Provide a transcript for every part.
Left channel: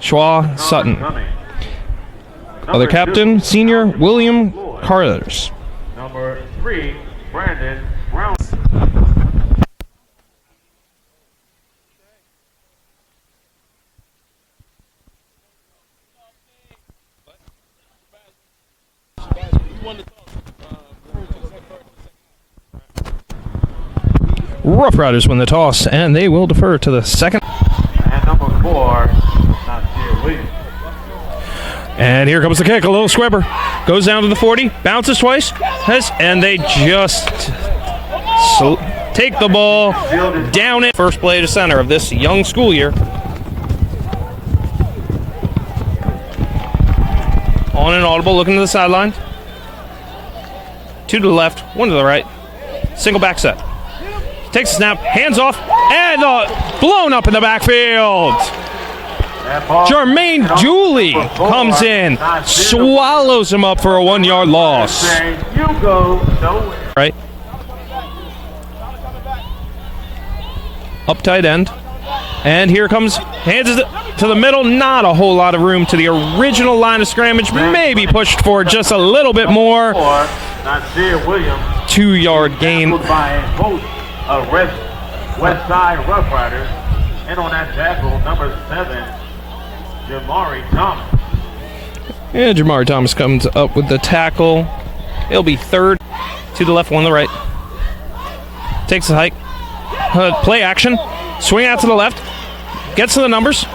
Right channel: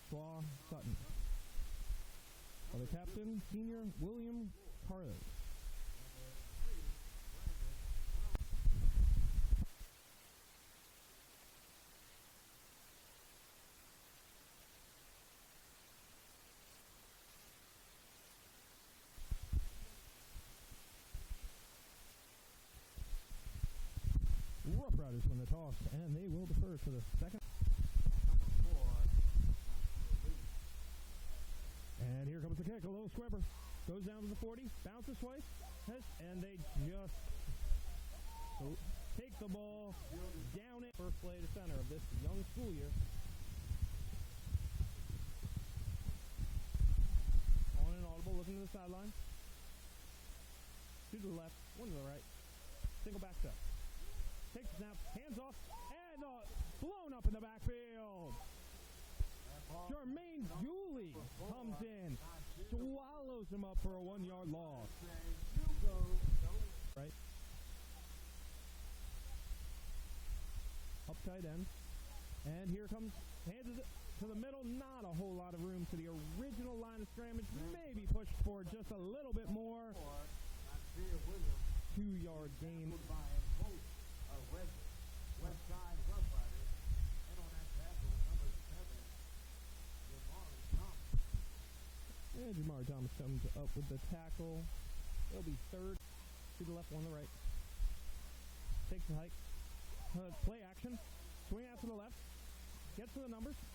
Schwa Sutton. Other captain, senior William Carters. Number 3, Brandon Brown. Rough Riders win the toss, and they will defer to the second. And number 4, Nasir Williams. And here comes the kick. A little squibber. Goes down to the 40. Bounces twice. And they just take the ball down it. First play to center of this young school year. On and audible, looking to the sideline. 2 to the left, 1 to the right. Single back set. Takes a snap, hands off, and blown up in the backfield. Jermaine Dooley comes in, swallows him up for a 1-yard loss. Right. Up tight end. And here comes, hands it to the middle. Not a whole lot of room to the original line of scrimmage. Maybe pushed for just a little bit more. 2-yard gain. Westside Rough Riders. And on that tackle, number 7, Jamari Thomas. Yeah, Jamari Thomas comes up with the tackle. It'll be 3rd. 2 to the left, 1 to the right. Takes the hike. Play action. Swing out to the left. Gets to the numbers.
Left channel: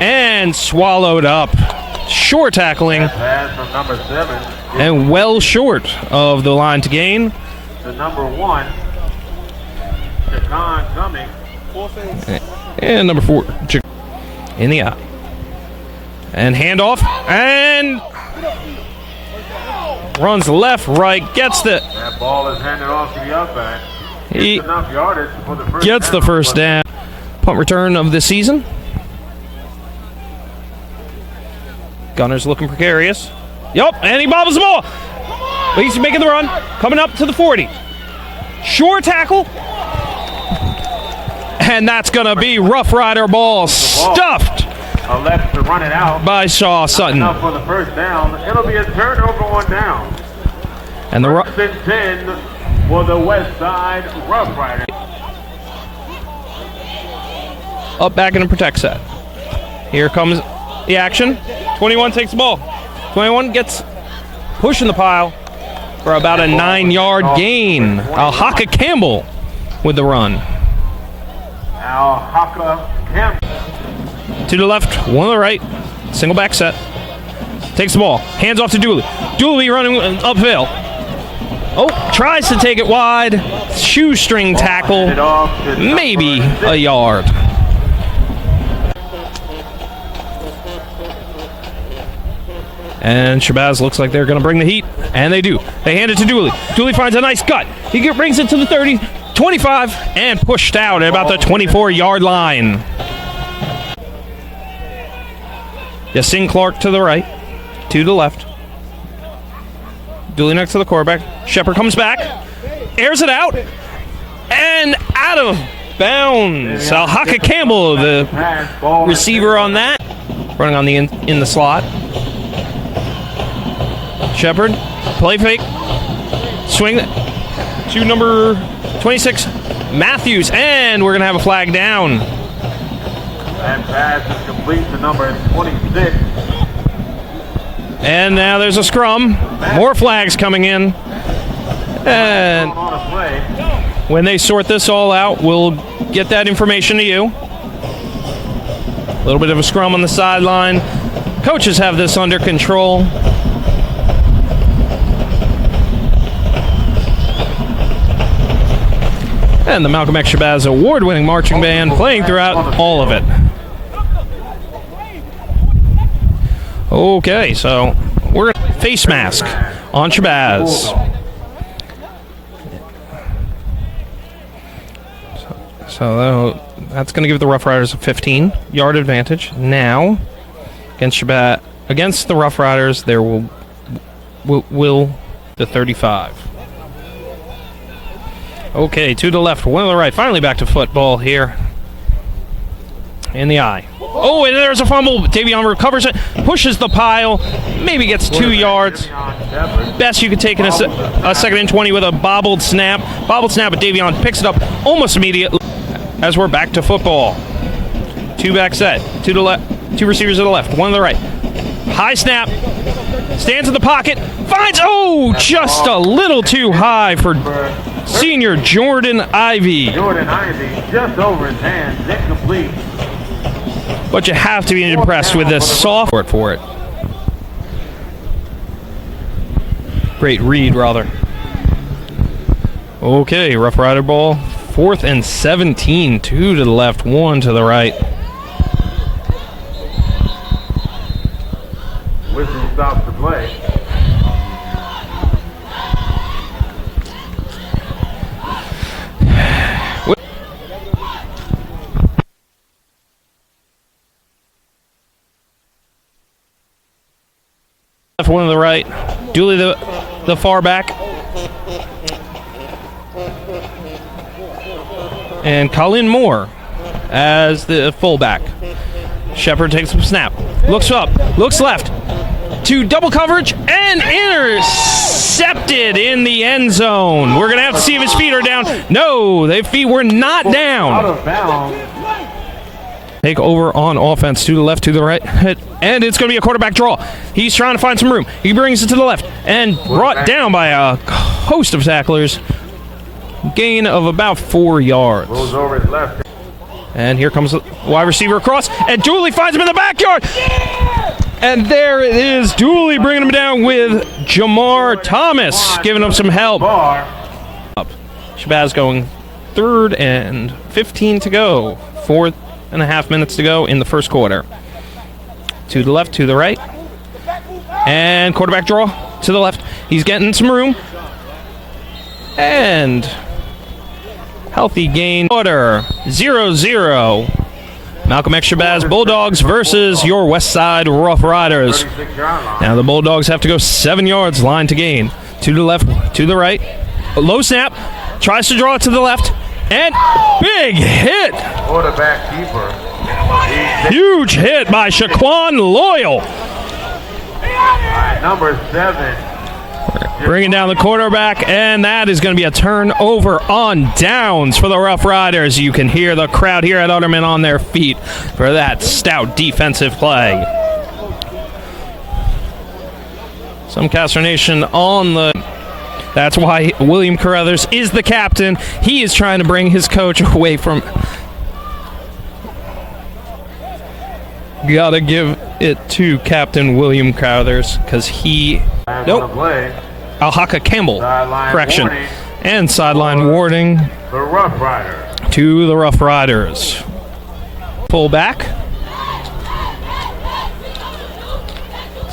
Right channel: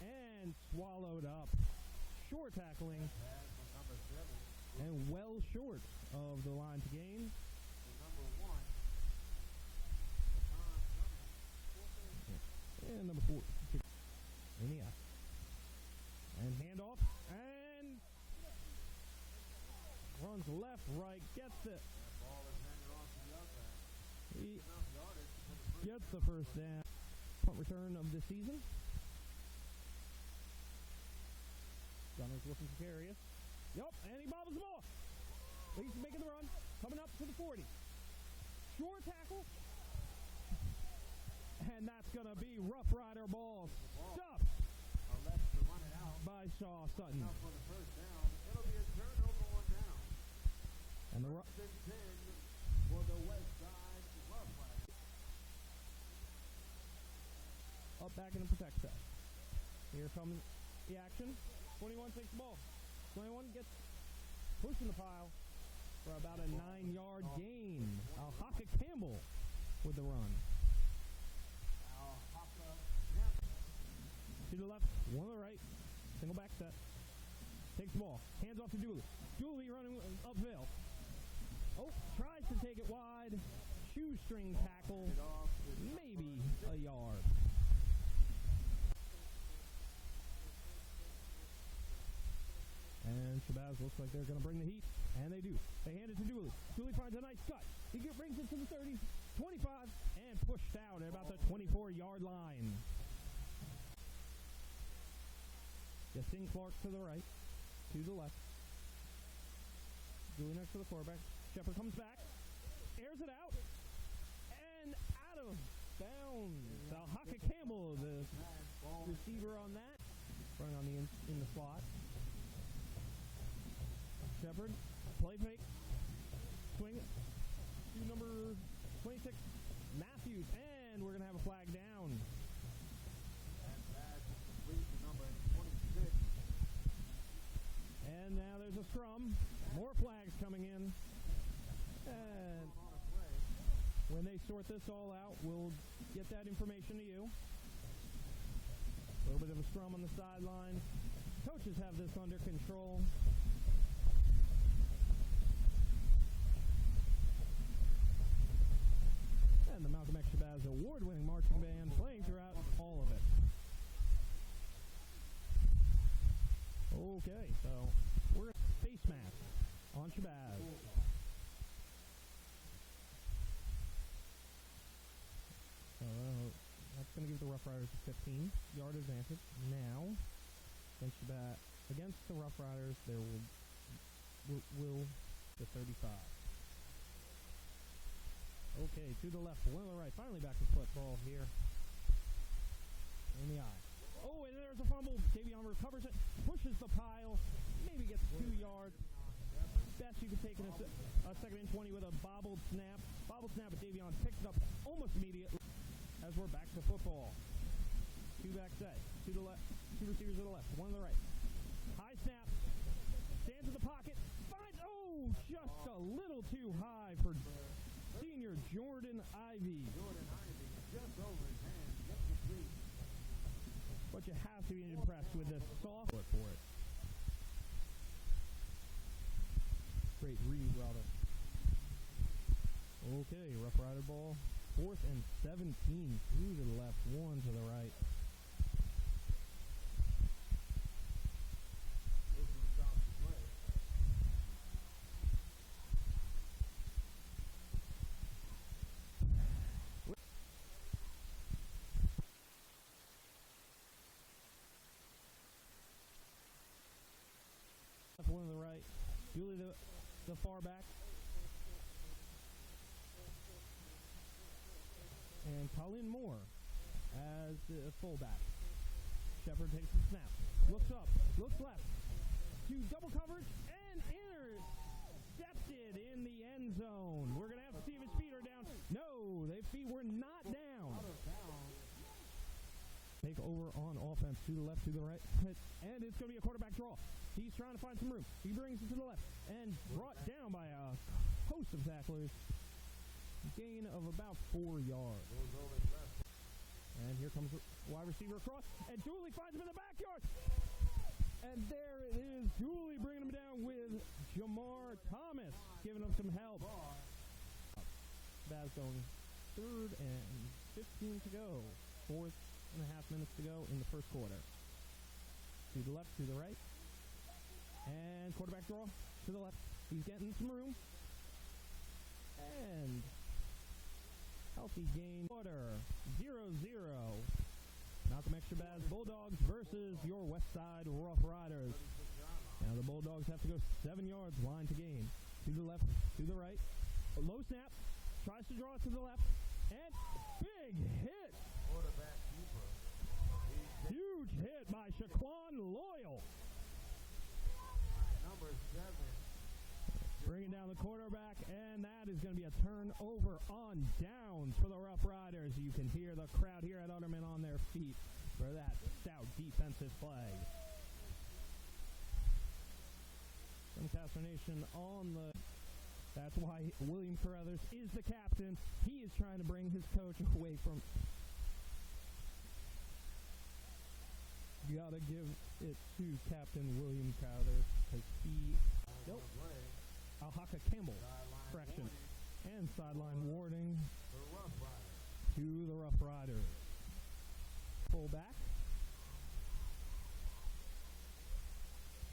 And swallowed up. Short tackling. Pass from number 7. And well short of the line to gain. The number 1, Chacon Cummings. And number 4, in the eye. And handoff. And runs left, right, gets the. That ball is handed off to the outback. He Enough yardage for the first gets the first down. Punt return of the season. Gunner's looking precarious. Yup, and he bobbles the ball. But he's making the run. Coming up to the 40. Short tackle. And that's going to be Rough Rider ball stuffed left to run it out by Shaw Sutton. Enough for the first down. It'll be a turnover on down. And the 10 for the Westside Rough Riders. Up back in a protect set. Here comes the action. 21 takes the ball. 21 gets pushing the pile for about a 9-yard gain. Alhaka Campbell with the run. Alhaka Campbell. 2 to the left, 1 to the right. Single back set. Takes the ball. Hands off to Dooley. Dooley running uphill. Oh, tries to take it wide. Shoestring tackle. Maybe a yard. And SHABAZZ looks like they're going to bring the heat. And they do. They hand it to Dooley. Dooley finds a nice cut. He brings it to the 30, 25, and pushed out at about the 24-yard line. Yasin Clark to the right. 2 to the left. Dooley next to the quarterback. Shepard comes back. Airs it out. And out of bounds. Alhaka Campbell, the receiver on that. Running on the in the slot. Shepard, play fake. Swing to number 26, Matthews. And we're going to have a flag down. That pass is complete to number 26. And now there's a scrum. More flags coming in. And when they sort this all out, we'll get that information to you. A little bit of a scrum on the sideline. Coaches have this under control. And the Malcolm X SHABAZZ award-winning marching band playing throughout all of it. Okay, so we're going to face mask on SHABAZZ. So that's going to give the Rough Riders a 15-yard advantage. Now, against SHABAZZ, against the Rough Riders, there will the 35. Okay, 2 to the left, 1 to the right. Finally back to football here. in the eye. Oh, and there's a fumble. Davion recovers it, pushes the pile, maybe gets 2 yards. Best you could take in a 2nd and 20 with a bobbled snap. Bobbled snap, but Davion picks it up almost immediately as we're back to football. 2-back set, 2 receivers to the left, 1 to the right. High snap, stands in the pocket, finds, just a little too high for senior Jordan Ivy. Jordan Ivy just over his hands, incomplete. But you have to be impressed with this soft for it. Great read, rather. Okay, Rough Rider ball. 4th and 17. 2 to the left, 1 to the right. Whistle stops the play. Left, 1 to the right. Dooley the far back. And Colin Moore as the fullback. Shepard takes a snap. Looks up. Looks left. To double coverage and intercepted in the end zone. We're going to have to see if his feet are down. No, their feet were not down. Out of bounds. Take over on offense, to the left, to the right, and it's going to be a quarterback draw. He's trying to find some room. He brings it to the left and brought down by a host of tacklers. Gain of about 4 yards. Goes over his left. And here comes the wide receiver across, and Dooley finds him in the backyard. And there it is, Dooley bringing him down with Jamar Thomas, giving him some help. SHABAZZ going 3rd and 15 to go. 4.5 minutes to go in the first quarter. To the left, to the right. And quarterback draw to the left. He's getting some room. And healthy gain. Order 0-0. Malcolm X SHABAZZ Bulldogs versus your Westside Rough Riders. Now the Bulldogs have to go 7 yards, line to gain. To the left, to the right. A low snap. Tries to draw it to the left. And big hit. Quarterback keeper. Huge hit by Shaquan Loyal. Number 7. Bringing down the quarterback, and that is going to be a turnover on downs for the Rough Riders. You can hear the crowd here at Utterman on their feet for that stout defensive play. Some consternation on the... That's why William Carruthers is the captain. He is trying to bring his coach away from... Gotta give it to Captain William Carruthers, because he... Nope. Alhaka Campbell. Correction. Warning. And sideline warning The Rough Riders. to the Rough Riders. Pull back.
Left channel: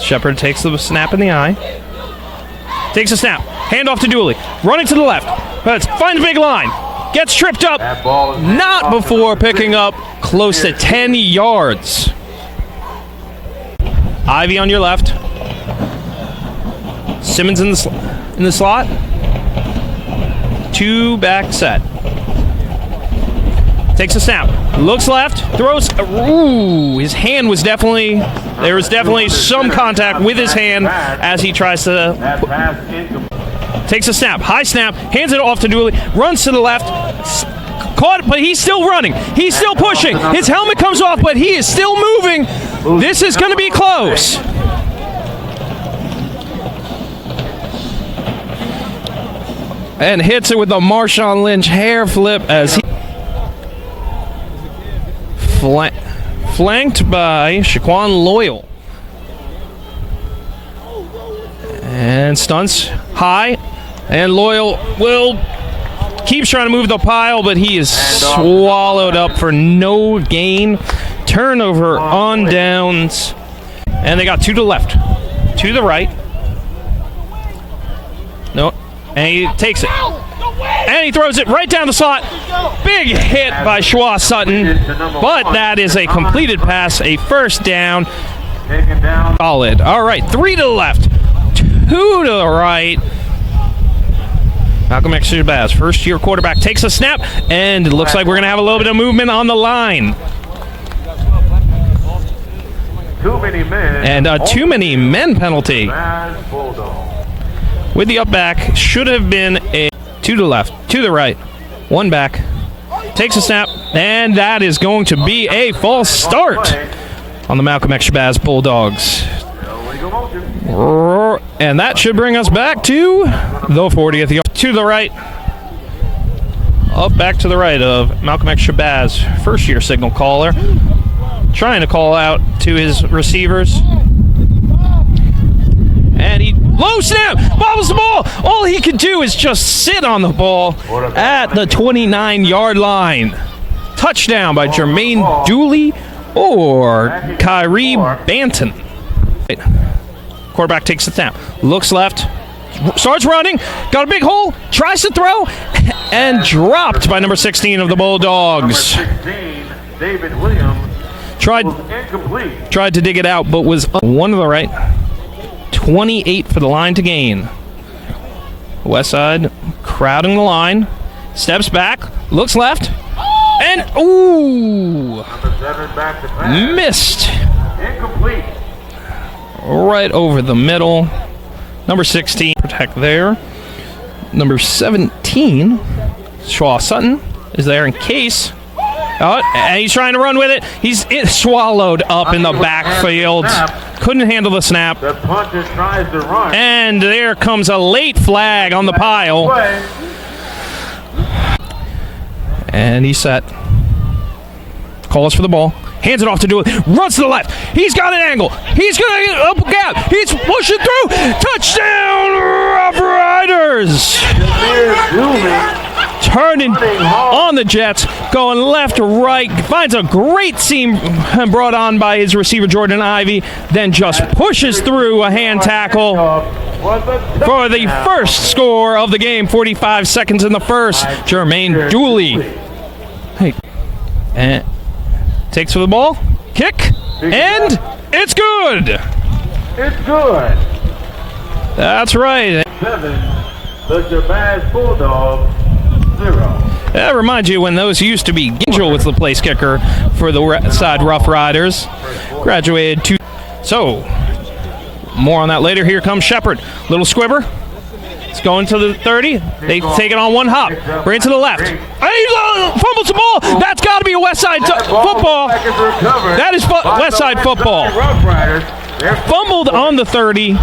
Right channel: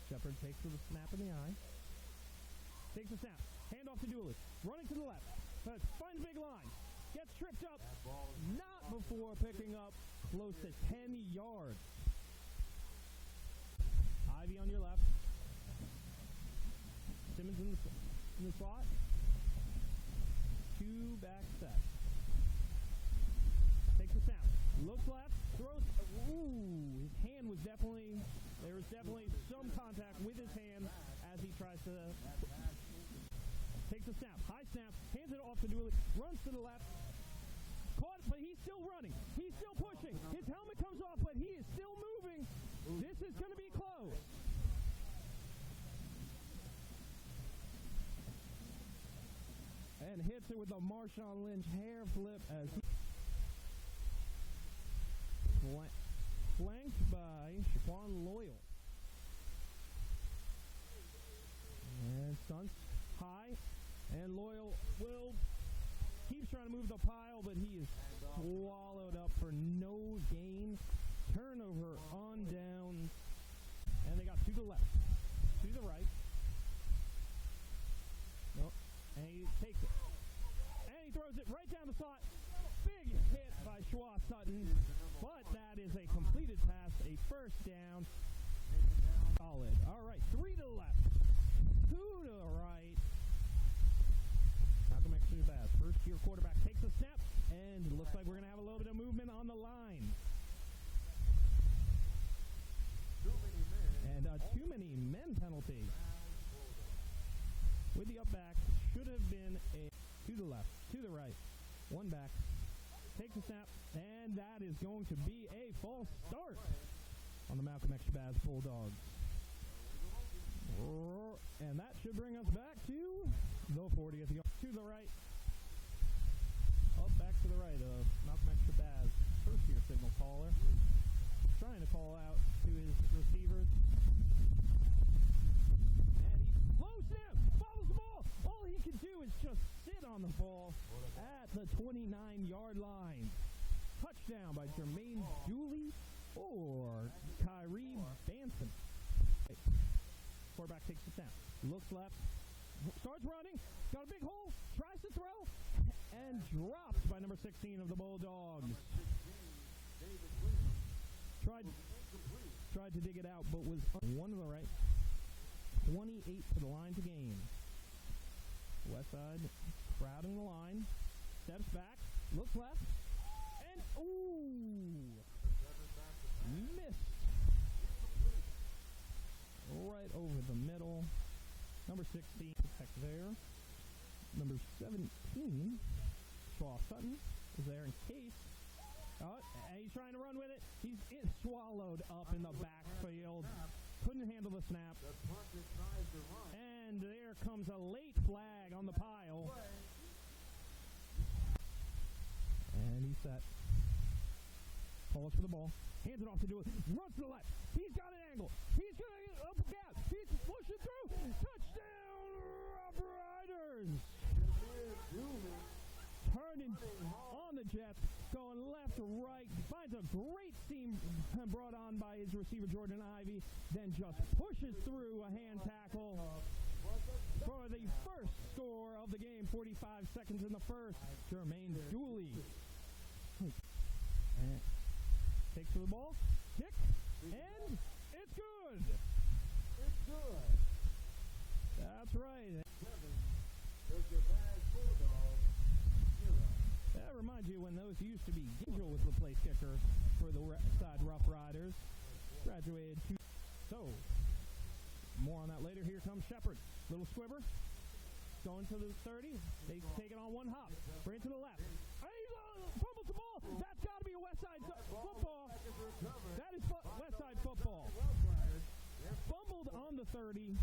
Shepard takes the snap in the eye. Takes a snap. Hand off to Dooley. Running to the left. But finds big line. Gets tripped up. That ball is Not before picking up close to 10 yards. Ivy on your left. Simmons in the slot. 2-back set. Takes a snap. Looks left. Throws. Ooh, his hand was definitely... There was definitely some contact with his hand as he tries to... that pass incomplete. Takes a snap. High snap. Hands it off to Dooley. Runs to the left. Caught, but he's still running. He's still pushing. His helmet comes off, but he is still moving. This is going to be close. And hits it with the Marshawn Lynch hair flip as he flanked by Shaquan Loyal. And stunts high. And Loyal keeps trying to move the pile, but he is swallowed up for no gain. Turnover on downs. And they got 2 to the left. 2 to the right. No. And he takes it. And he throws it right down the slot. Big hit by Schwa Sutton. But that is a completed pass, a first down. Taken down. Solid. All right, 3 to the left. 2 to the right. Malcolm X SHABAZZ, first-year quarterback, takes a snap, and it looks like we're going to have a little bit of movement on the line. too many men. And a too many men penalty. Shabazz Bulldogs. With the up back, should have been a 2 to the left, to the right, 1 back. Takes a snap, and that is going to be a false start on the Malcolm X Shabazz Bulldogs. And that should bring us back to the 40th yard. To the right. Up back to the right of Malcolm X Shabazz, first-year signal caller. Trying to call out to his receivers. And he low snap, bobbles the ball. All he can do is just sit on the ball at the 29-yard line. Touchdown by Jermaine Dooley or Kyrie Banton. Quarterback takes the snap, looks left, starts running, got a big hole, tries to throw, and dropped by number 16 of the Bulldogs. Number 16, David Williams. Tried to dig it out, but was 1 to the right. 28 for the line to gain. Westside crowding the line, steps back, looks left, and ooh, missed. Incomplete. Right over the middle. Number 16, protect there. Number 17, Shaw Sutton, is there in case. Oh, and he's trying to run with it. He's swallowed up in the backfield. Couldn't handle the snap. The punter tries to run. And there comes a late flag on the pile. And he's set. Calls for the ball. Hands it off to Dooley. Runs to the left. He's got an angle. He's going to get up a gap. He's pushing through. Touchdown, Rough Riders. Turning on the Jets, going left to right, finds a great seam brought on by his receiver Jordan Ivey, then just pushes through a hand tackle for the first score of the game. 45 seconds in the first. Jermaine Dooley. Hey, and takes for the ball, kick, and it's good. It's good. That's right. 7, the Shabazz Bulldogs. 0. That reminds you when those used to be. Angel was the place kicker for the Westside Rough Riders. Graduated to. So, more on that later. Here comes Shepard. Little squibber. It's going to the 30. They take it on one hop. Right to the left. Fumbles the ball. That's got to be a Westside football. That is Westside football. Fumbled on the 30.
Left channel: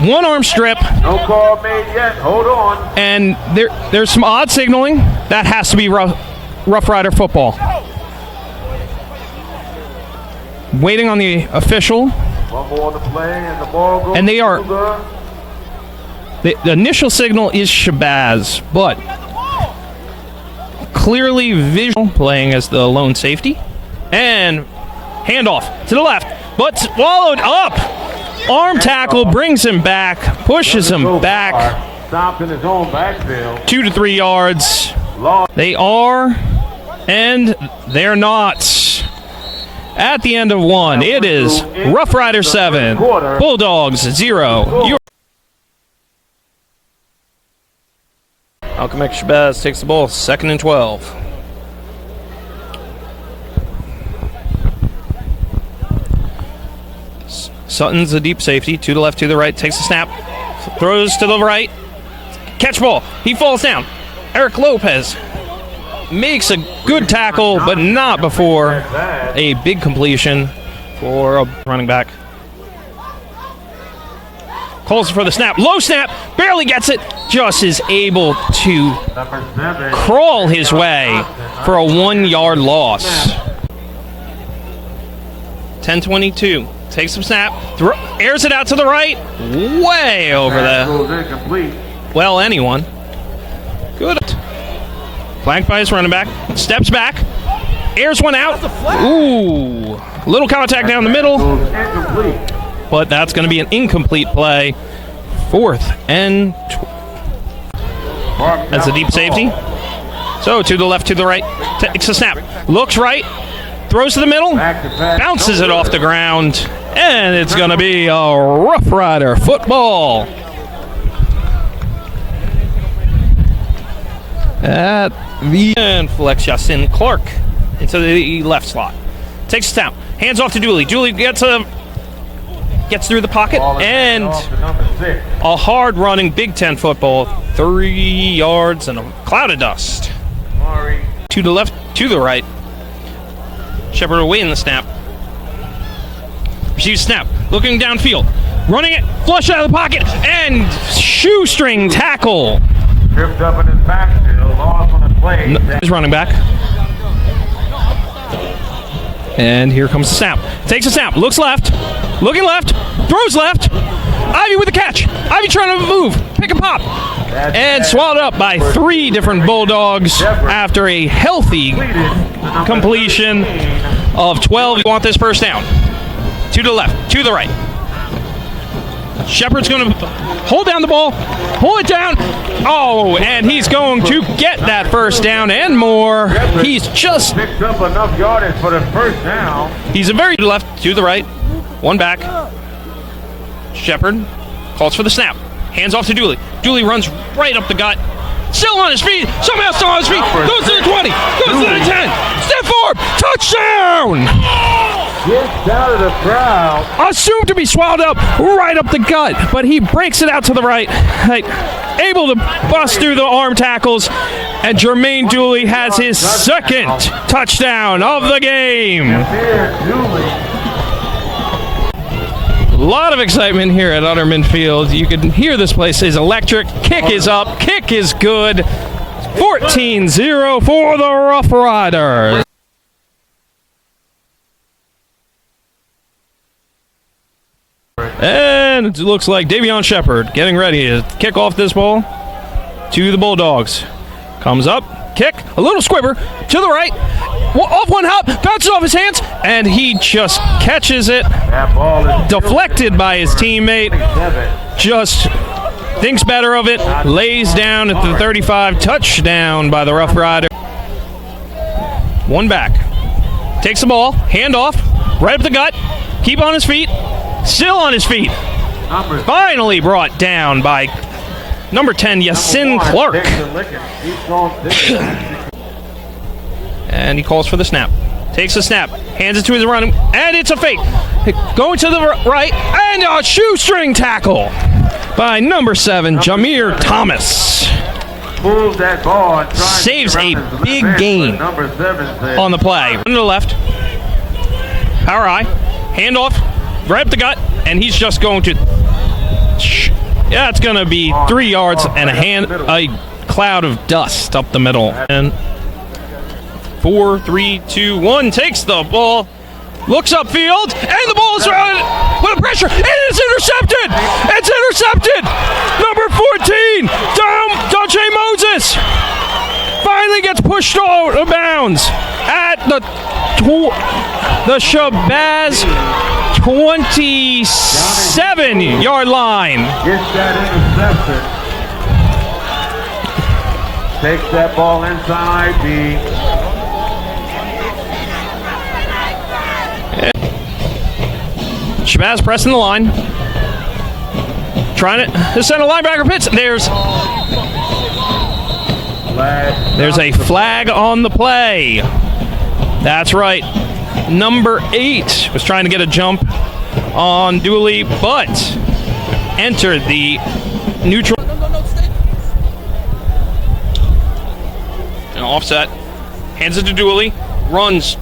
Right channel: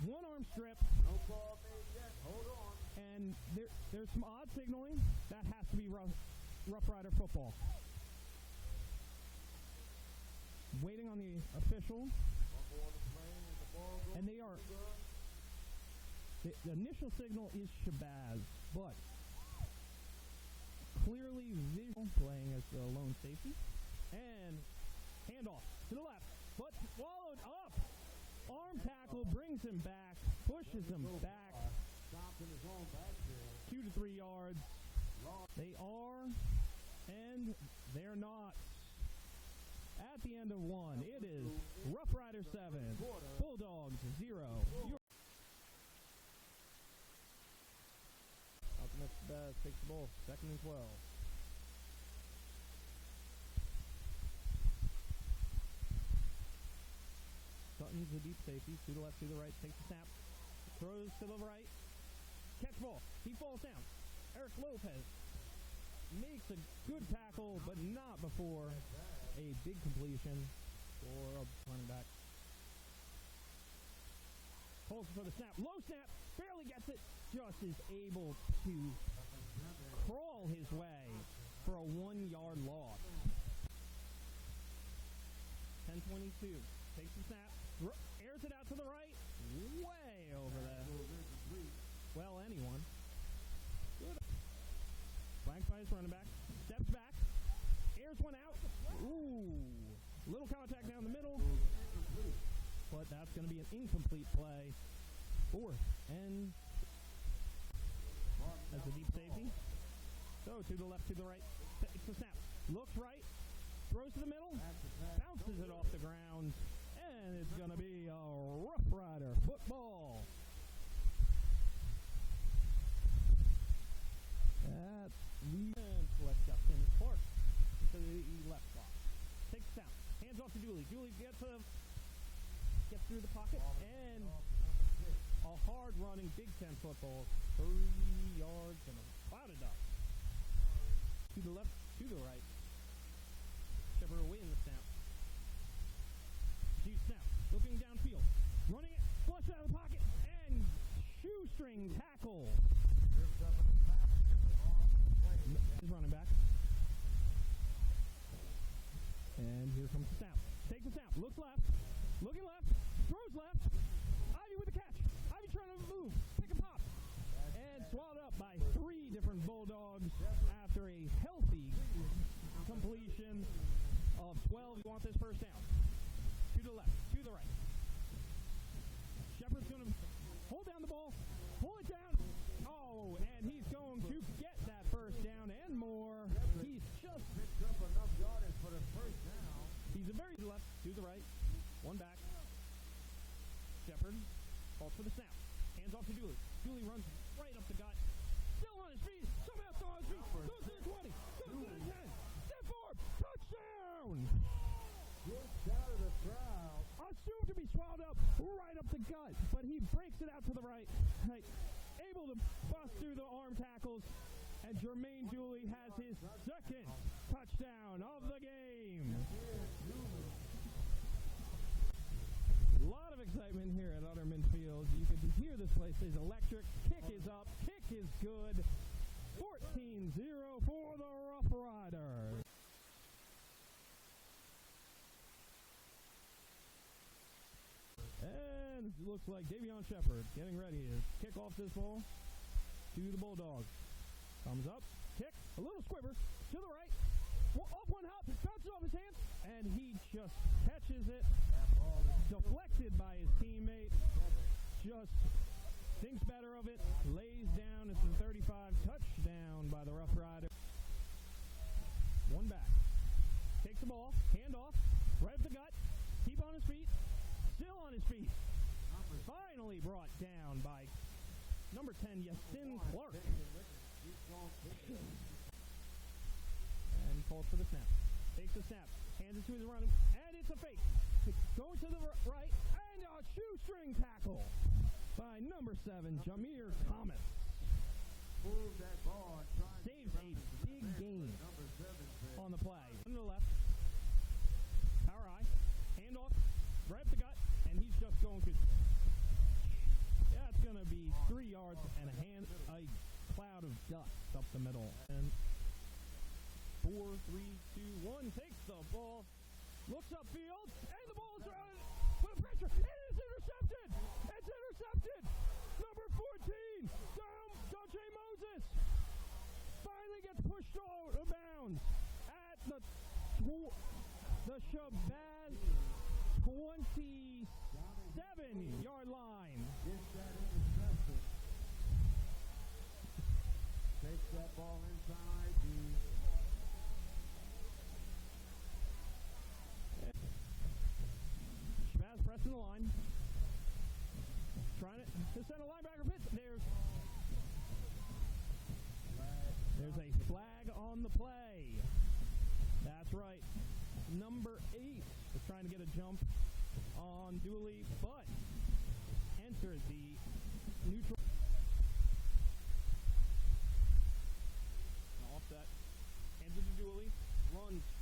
One arm strip. No call made yet. Hold on. And there's some odd signaling. That has to be Rough Rider football. Waiting on the official. One more on the play, and the ball goes. And they are. The initial signal is Shabazz, but clearly visual playing as the lone safety. And handoff to the left, but swallowed up. Arm tackle brings him back, pushes him back. Stopped in his own backfield. 2 to 3 yards. They are, and they're not. At the end of one, it is Rough Rider 7, Bulldogs 0. Malcolm X Shabazz takes the ball, 2nd and 12. Sutton's a deep safety, to the left, to the right, takes the snap, throws to the right, catch ball, he falls down. Eric Lopez makes a good tackle, but not before a big completion for a running back. Calls for the snap, low snap, barely gets it, just is able to crawl his way for a 1-yard loss. 10-22. Takes some snap, airs it out to the right, way over the, well, anyone. Good. Flanked by his running back, steps back, airs one out. Ooh, little contact down the middle, but that's going to be an incomplete play. 4th and that's a deep safety. So to the left, to the right, takes a snap, looks right, throws to the middle, bounces it off the ground, and it's going to be a Rough Rider football. At the end, flex Yasin Clark into the left slot. Takes a snap, Hands off to Dooley. Dooley gets through the pocket, and a hard-running Big Ten football. 3 yards and a cloud of dust. To the left, to the right. Shepard awaiting the snap. Receives snap. Looking downfield. Running it. Flush out of the pocket. And shoestring tackle. Tripped up in his backfield. Lost on the play. He's running back. And here comes the snap. Takes a snap. Looks left. Looking left. Throws left. Ivy with the catch. Ivy trying to move. Pick and pop. And swallowed up by 3 different Bulldogs after a healthy completion of 12. You want this first down. To the left. To the right. Shepard's going to hold down the ball. Pull it down. Oh, and he's going to get that first down and more. He's just picked up enough yardage for the first down. He's a very left to the right. One back. Shepard calls for the snap. Hands off to Dooley. Dooley runs right up the gut. Still on his feet. Somehow still on his feet. Goes to the 20. Goes to the 10. Step forward. Touchdown. Gets out of the crowd. Assumed to be swallowed up right up the gut, but he breaks it out to the right. Able to bust through the arm tackles, and Jermaine Dooley has his second touchdown of the game. A lot of excitement here at Utterman Field. You can hear this place is electric. Kick is up. Kick is good. 14-0 for the Rough Riders. And it looks like Davion Shepard getting ready to kick off this ball to the Bulldogs. Comes up, kick, a little squibber to the right. Off one hop, bounces off his hands, and he just catches it. That ball is Deflected by his teammate. Just thinks better of it. Lays down at the 35. Touchdown by the Rough Rider. One back. Takes the ball. Hand off. Right up the gut. Keep on his feet. Still on his feet. Finally brought down by number 10, Yasin Clark. And he calls for the snap. Takes the snap. Hands it to his running. And it's a fake. Going to the right. And a shoestring tackle by number 7, Jameer Thomas. Moves that ball and Saves a big gain on the play. To the left. Power eye. Hand off. Right up the gut. And he's just going to... Yeah, it's going to be 3 yards and a cloud of dust up the middle. And 4, 3, 2, 1 takes the ball. Looks upfield. And the ball is with a pressure. And it's intercepted. It's intercepted. Number 14, Dante Moses, finally gets pushed out of bounds at the SHABAZZ 27-yard line. Gets that interception. Takes that ball inside the... SHABAZZ pressing the line. Trying it. The center linebacker pits. There's a flag on the play. That's right. Number 8 was trying to get a jump on Dooley, but entered the neutral. An offset. Hands it to Dooley. Runs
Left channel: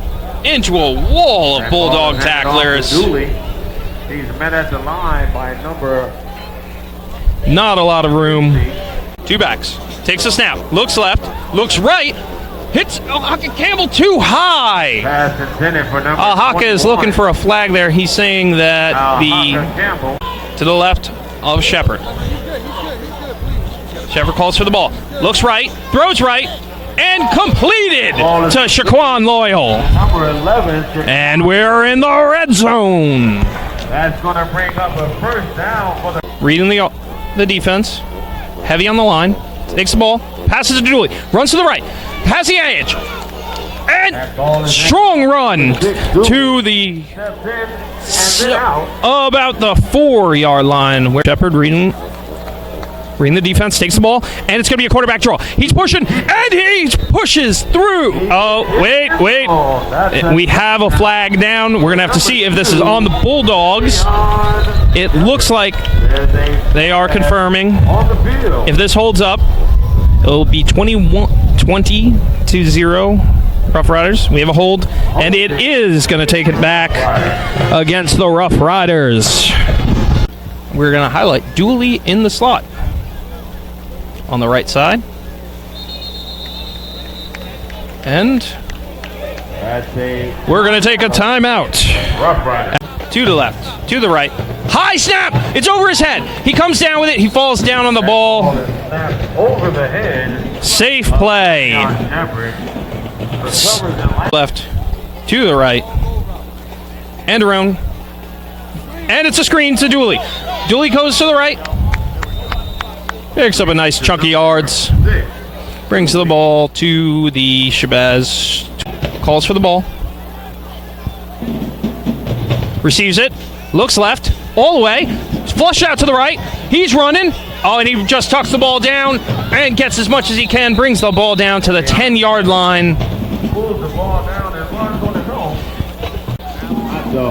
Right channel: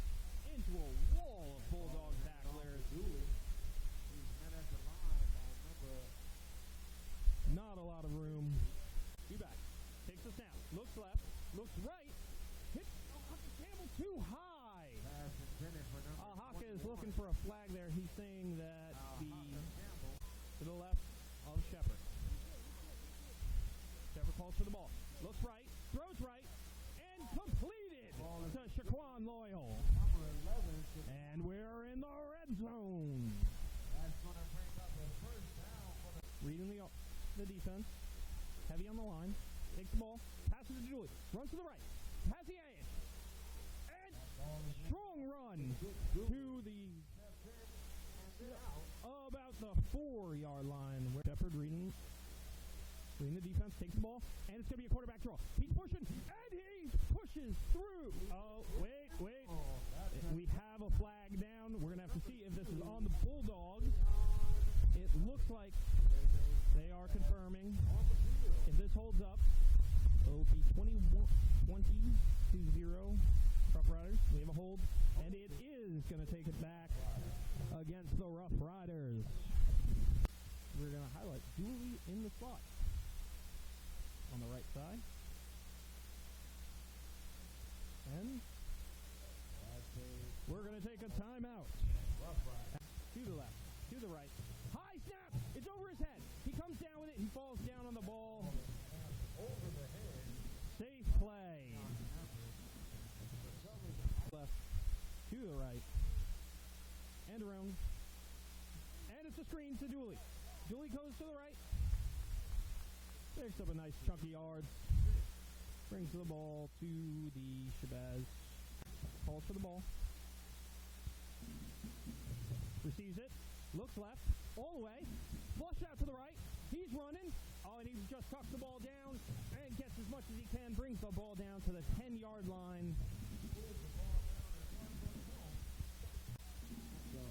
into a wall of Bulldog tacklers. He's met at the line by number... Not a lot of room. 2 backs. Takes a snap. Looks left. Looks right. Hits Haka Campbell too high. Pass intended for number Haka is looking for a flag there. He's saying that to the left of Shepard. Shepard calls for the ball. Looks right. Throws right. And completed to Shaquan Loyal. Number 11. And we're in the red zone. That's going to bring up a first down for the... Reading the defense. Heavy on the line. Takes the ball. Passes it to Dooley. Runs to the right. Has the edge. And strong run to the... about the 4-yard line. Where Shepard reading Reading the defense, takes the ball, and it's going to be a quarterback draw. He's pushing, and he pushes through. Oh, wait. We have a flag down. We're going to have to see if this is on the Bulldogs. It looks like they are confirming. If this holds up, it'll be 20-0 Rough Riders. We have a hold, and it is going to take it back against the Rough Riders. We're going to highlight Dooley in the slot on the right side. And we're going to take a timeout. To the left, to the right. High snap! It's over his head. He comes down with it. He falls down on the ball. Over the head. Safe play. Left, to the right. And around. And it's a screen to Dooley. Dooley goes to the right. Picks up a nice chunk of yards. Brings the ball to the SHABAZZ. Calls for the ball. Receives it. Looks left. All the way. Flush out to the right. He's running. Oh, and he just tucks the ball down and gets as much as he can. Brings the ball down to the 10-yard line.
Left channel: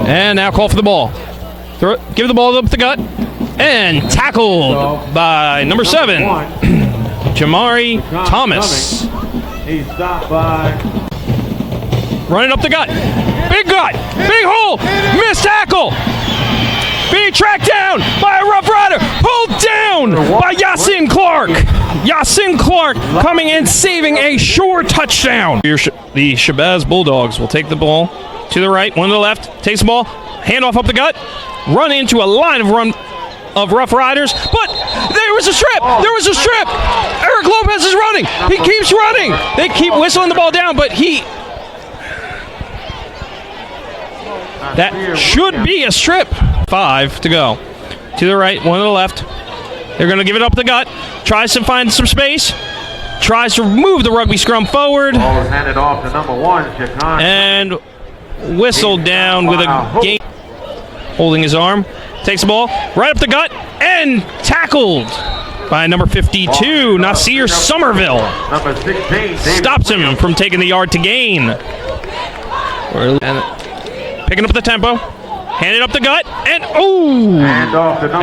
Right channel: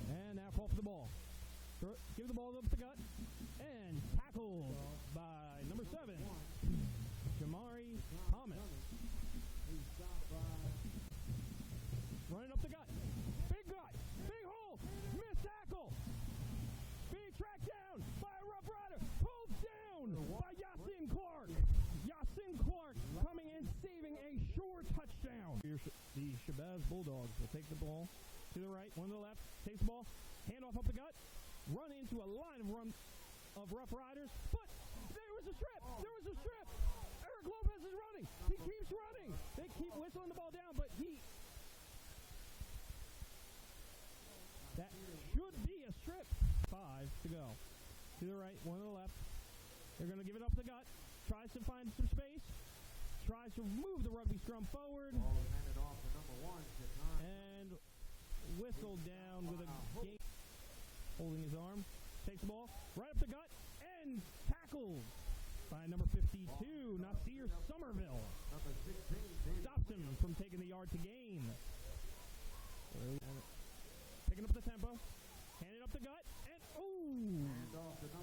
And now call for the ball. Give the ball up the gut. And tackled by number 7, Jamari Thomas. He's stopped by. Running up the gut. Big gut. Big hole. Missed tackle. Being tracked down by a Rough Rider. Pulled down by Yasin Clark. Yasin Clark coming in, saving a sure touchdown. The SHABAZZ Bulldogs will take the ball to the right, one to the left. Takes the ball. Handoff up the gut. Run into a line of Rough Riders, but there was a strip. There was a strip. Eric Lopez is running. He keeps running. They keep whistling the ball down, but that should be a strip. 5 to go. To the right, one to the left. They're going to give it up the gut. Tries to find some space. Tries to move the rugby scrum forward. Ball is handed off to number 1, Chicago. And whistled down with a game. Holding his arm. Takes the ball right up the gut and tackled by number 52, Nasir Somerville. Number 16, stops him from taking the yard to gain. And picking up the tempo. Handed up the gut. And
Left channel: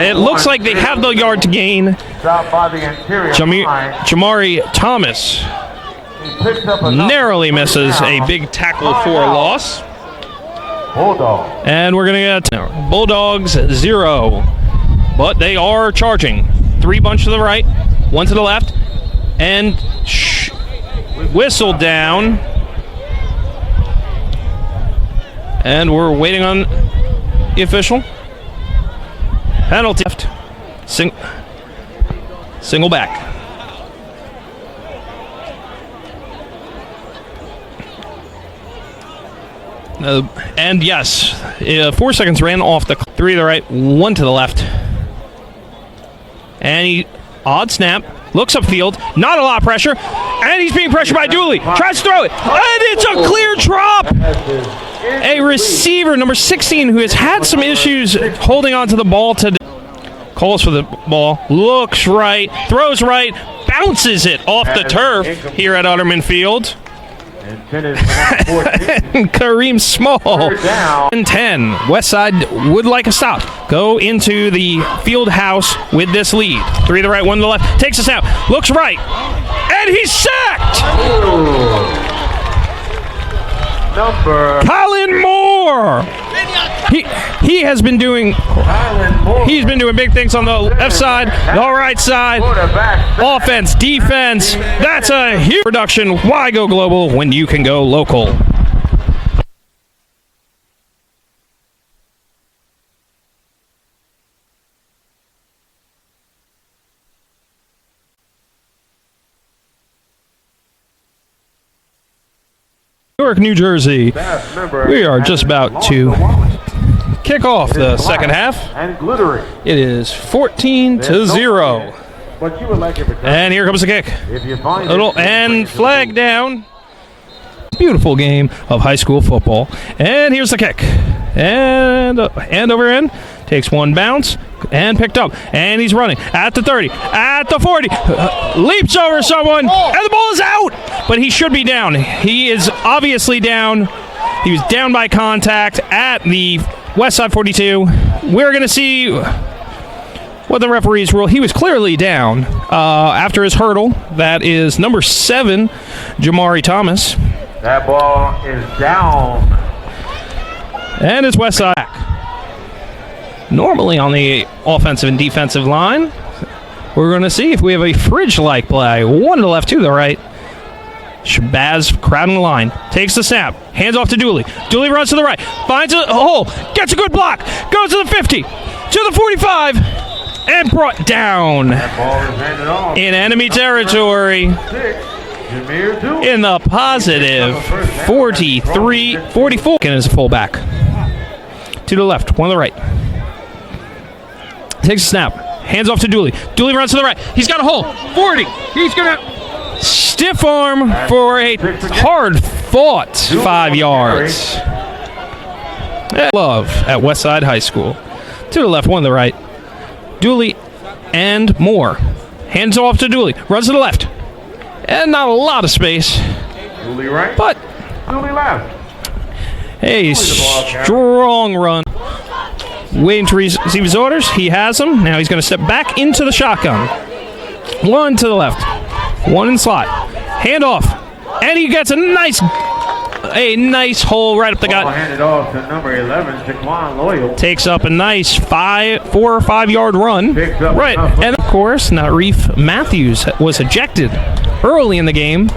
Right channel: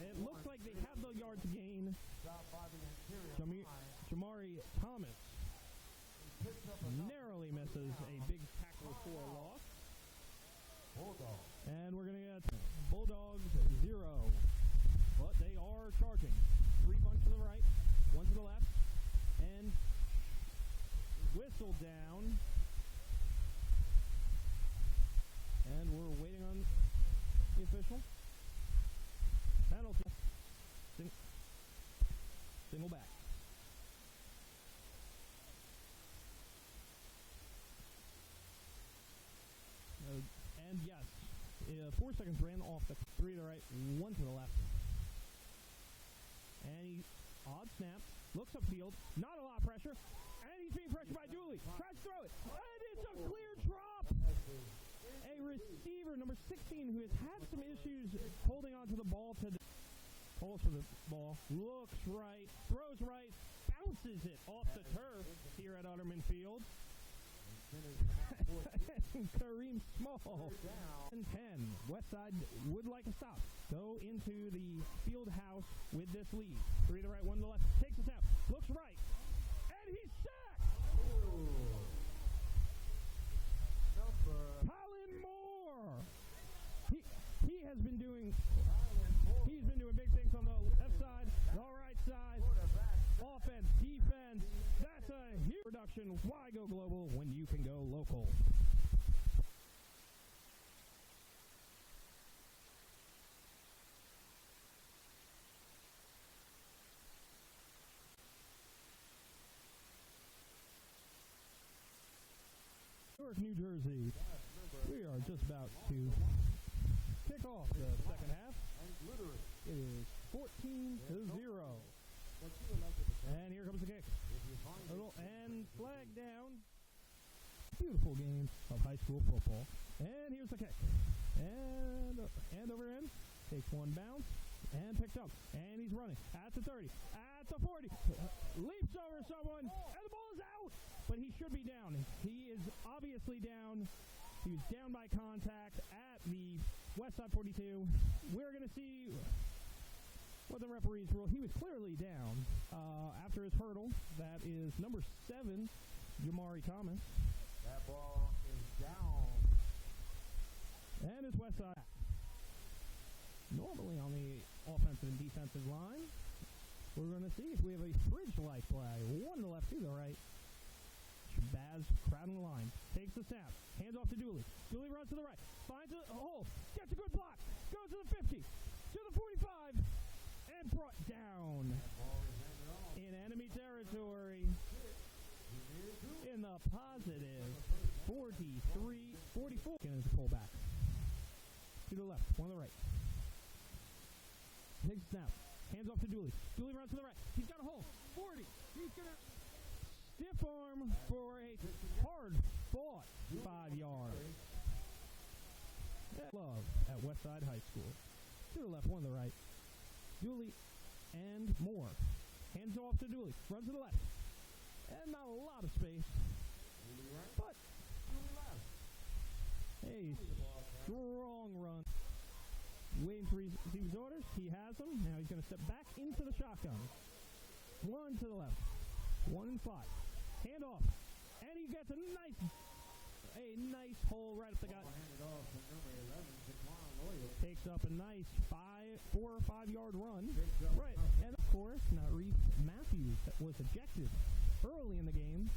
it looks like they have the yard to gain. Jamari Thomas narrowly misses a big tackle for a loss. And we're going to get Bulldogs 0. But they are charging. 3 bunch to the right, 1 to the left, and whistle down. And we're waiting on the official. Penalty left. Single back. And yes, 4 seconds ran off the 3 to the right, 1 to the left. And odd snap, looks upfield, not a lot of pressure, and he's being pressured by Dooley. Tries to throw it, and it's a clear drop. A receiver, number 16, who has had some issues holding on to the ball today. Calls for the ball, looks right, throws right, bounces it off the turf here at Utterman Field. And Kareem Small. And 10. Westside would like a stop. Go into the field house with this lead. 3 to the right, 1 to the left. Takes a snap. Looks right. And he's sacked! Colin Moore. He has been doing big things on the left side, the right side, offense, defense. That's a huge production. Why go global when you can go local? Newark, New Jersey. We are just about to kick off the second half. It is 14-0. And here comes the kick. And flag down. Beautiful game of high school football. And here's the kick. And over in Takes one bounce and picked up. And he's running at the 30, at the 40. Leaps over someone, and the ball is out. But he should be down. He is obviously down. He was down by contact at the Westside 42. We're going to see what the referees rule. He was clearly down after his hurdle. That is number 7, Jamari Thomas. That ball is down. And it's Westside back. Normally on the offensive and defensive line, we're going to see if we have a fridge-like play. One to the left, to the right. SHABAZZ crowding the line. Takes the snap. Hands off to Dooley. Dooley runs to the right. Finds a hole. Gets a good block. Goes to the 50. To the 45. And brought down in enemy territory. In the positive 43, 44. And is a fullback. To the left. One to the right. Takes a snap. Hands off to Dooley. Dooley runs to the right. He's got a hole. 40. He's going to stiff arm for a hard-fought 5 yards. Love at Westside High School. To the left, one to the right. Dooley and Moore. Hands off to Dooley. Runs to the left. And not a lot of space. Dooley right. But Dooley left. a strong run. Waiting to receive his orders. He has them. Now he's going to step back into the shotgun. One to the left. One in slot. Hand off. And he gets a nice hole right up the gut. Handed off to number 11, Jaquan Loyal. Takes up a nice 4 or 5 yard run. Right. And of course, Nareef Matthews was ejected early in the game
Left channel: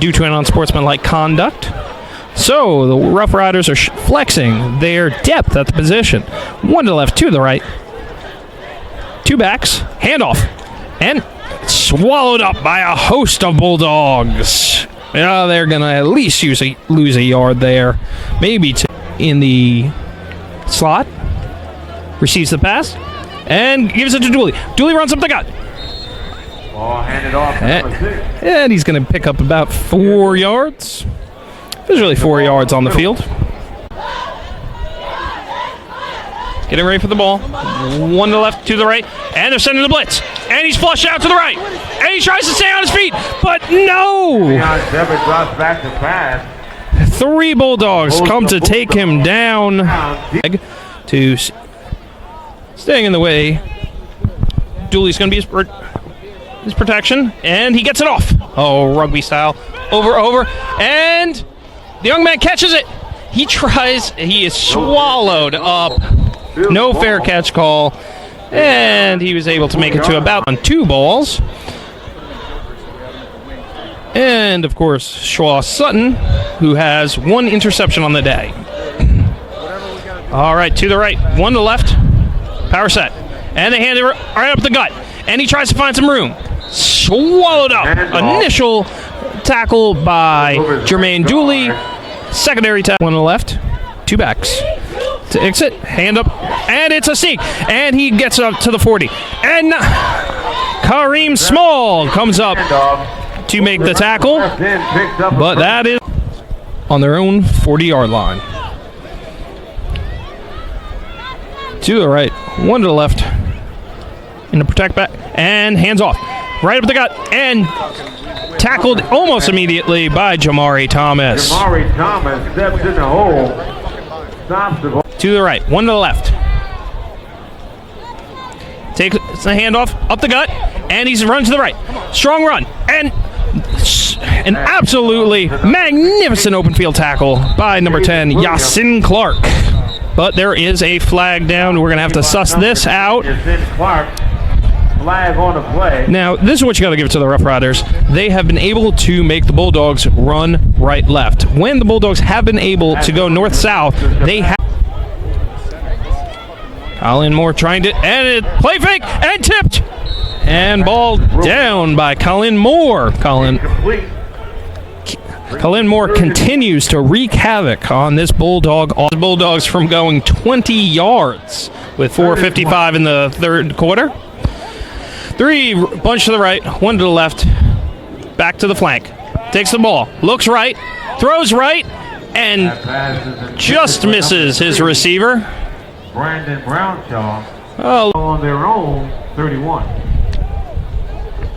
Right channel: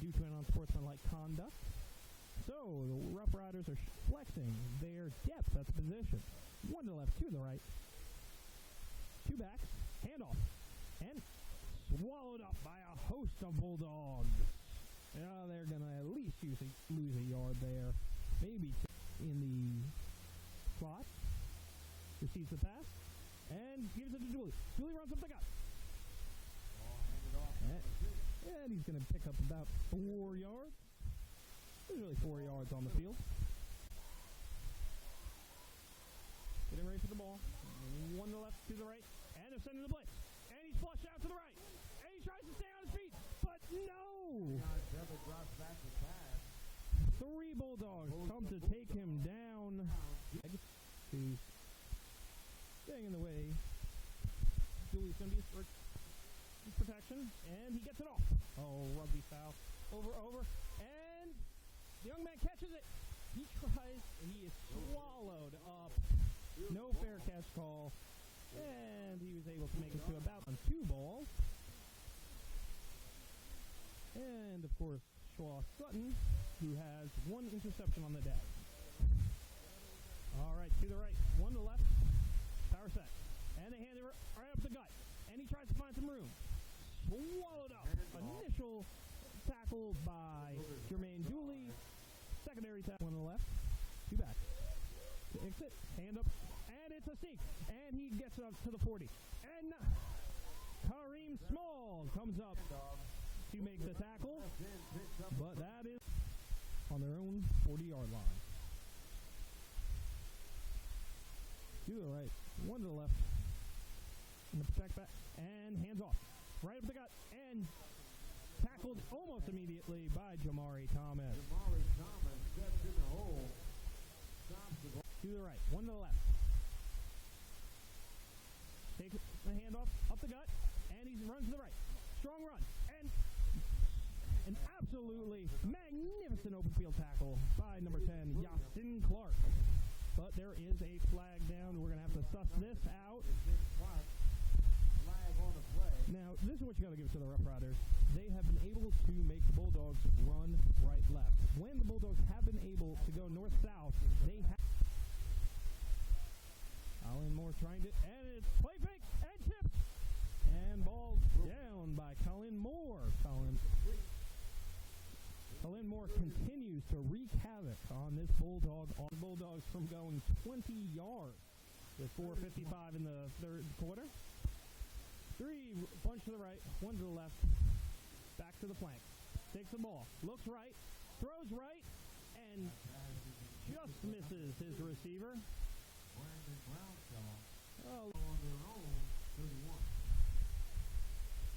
due to an unsportsmanlike conduct. So the Rough Riders are flexing their depth at the position. One to the left, two to the right. Two backs, handoff, and swallowed up by a host of Bulldogs. They're going to at least lose a yard there. Maybe two. In the slot. Receives the pass and gives it to Dooley. Dooley runs up the gut. Ball handed off to number 6. And he's going to pick up about 4 yards. There's really 4 yards on the field. Getting ready for the ball. One to the left, to the right. And they're sending the blitz. And he's flushed out to the right. And he tries to stay on his feet. But no! Devitt drops back to pass. 3 Bulldogs come to take him down. To staying in the way. Dooley's going to be his protection. And he gets it off. Oh, rugby style. Over. And the young man catches it. He tries. He is swallowed up. No fair catch call. And he was able to make it to about on 2 balls. And, of course, Shaw Sutton, who has 1 interception on the day. All right, to the right. One to the left. Power set. And they hand it right up the gut. And he tries to find some room. Swallowed up. Initial tackle by Jermaine Dooley. Secondary tackle. One to the left. 2 backs. To exit. Hand up. And it's a sneak. And he gets up to the 40. And Kareem Small comes up to make the tackle. But that is on their own 40-yard line. To the right. One to the left. In the protect back. And hands off. Right up the gut. And tackled almost immediately by Jamari Thomas. Jamari Thomas steps in the hole. Stops the ball. To the right. One to the left. Takes the handoff up the gut. And he runs to the right. Strong run. And an absolutely magnificent open field tackle by number 10, Yasin Clark. But there is a flag down. We're going to have to suss this out. Flag on the play. Now, this is what you got to give it to the Rough Riders. They have been able to make the Bulldogs run right-left. When the Bulldogs have been able to go north-south, they have. Colin Moore trying to, and it play fake, and tipped. And ball down by Colin Moore. Colin Moore continues to wreak havoc on this Bulldog. All the Bulldogs from going 20 yards with 4:55 in the third quarter. 3 bunch to the right, 1 to the left, back to the flank. Takes the ball, looks right, throws right, and just misses his receiver. Brandon Brownshaw Oh, on their own 31.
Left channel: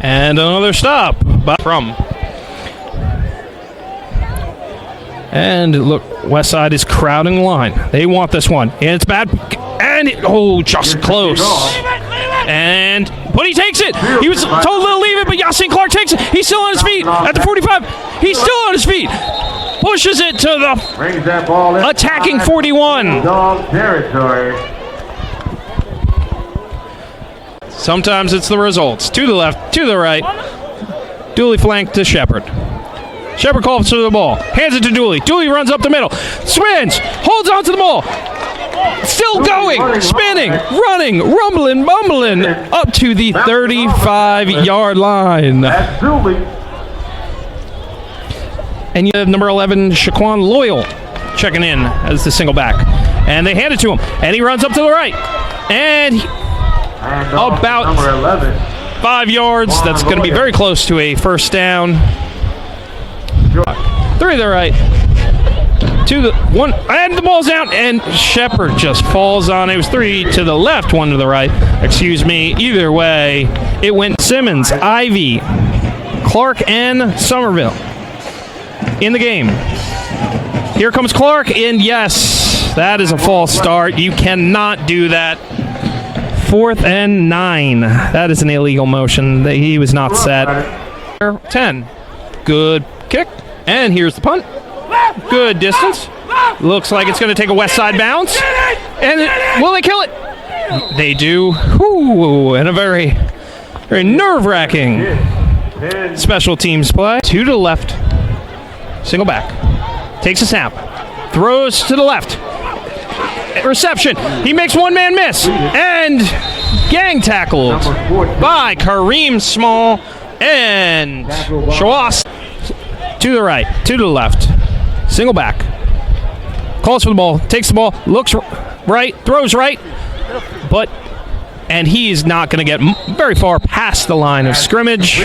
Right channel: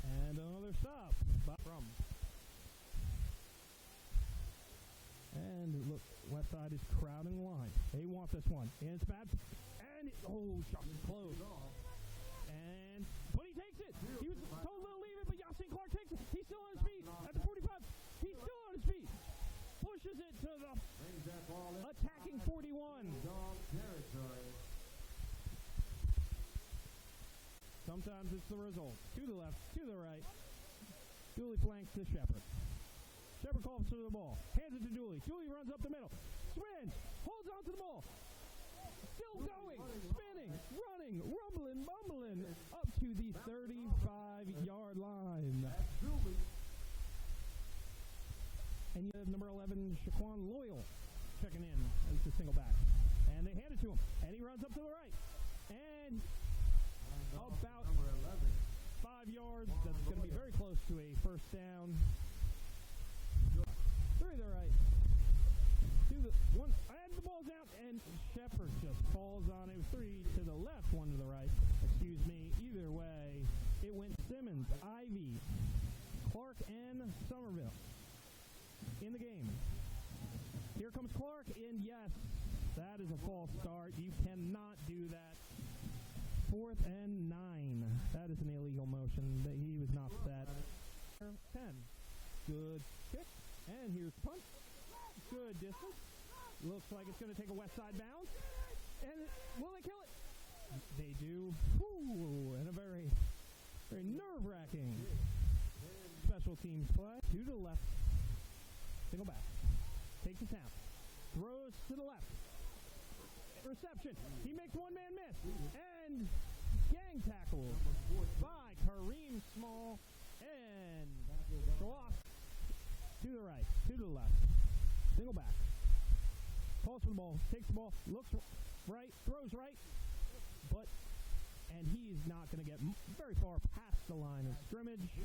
and another stop from. And look, Westside is crowding the line. They want this one. And it's bad. And just close. But he takes it. He was told to leave it, but Yasin Clark takes it. He's still on his feet at the 45. He's still on his feet. Pushes it to the attacking 41. Dog territory. Sometimes it's the results. To the left, to the right. Dooley flanked to Shepard. Shepard calls to the ball. Hands it to Dooley. Dooley runs up the middle. Swings. Holds on to the ball. Still going. Spinning. Running. Rumbling. Bumbling. Up to the 35-yard line. That's Dooley. And you have number 11, Shaquan Loyal, checking in as the single back. And they hand it to him. And he runs up to the right. And about number 11. 5 yards. That's going to be very close to a first down. 3 to the right. 2 to the 1. And the ball's out. And Shepard just falls on it. It was 3 to the left, 1 to the right. Excuse me. Either way, it went Simmons, Ivy, Clark, and Somerville in the game. Here comes Clark, and yes, that is a false start. You cannot do that. 4th and 9. That is an illegal motion. He was not set. 10. Good kick. And here's the punt. Good distance. Looks like it's going to take a Westside bounce. And will they kill it? They do. Whew, and a very, very nerve-wracking special teams play. 2 to the left. Single back. Takes a snap. Throws to the left. Reception. He makes one man miss. And gang tackled by Kareem Small and Shawas. To the right. To the left. Single back. Calls for the ball. Takes the ball. Looks right. Throws right. And he is not going to get very far past the line of scrimmage,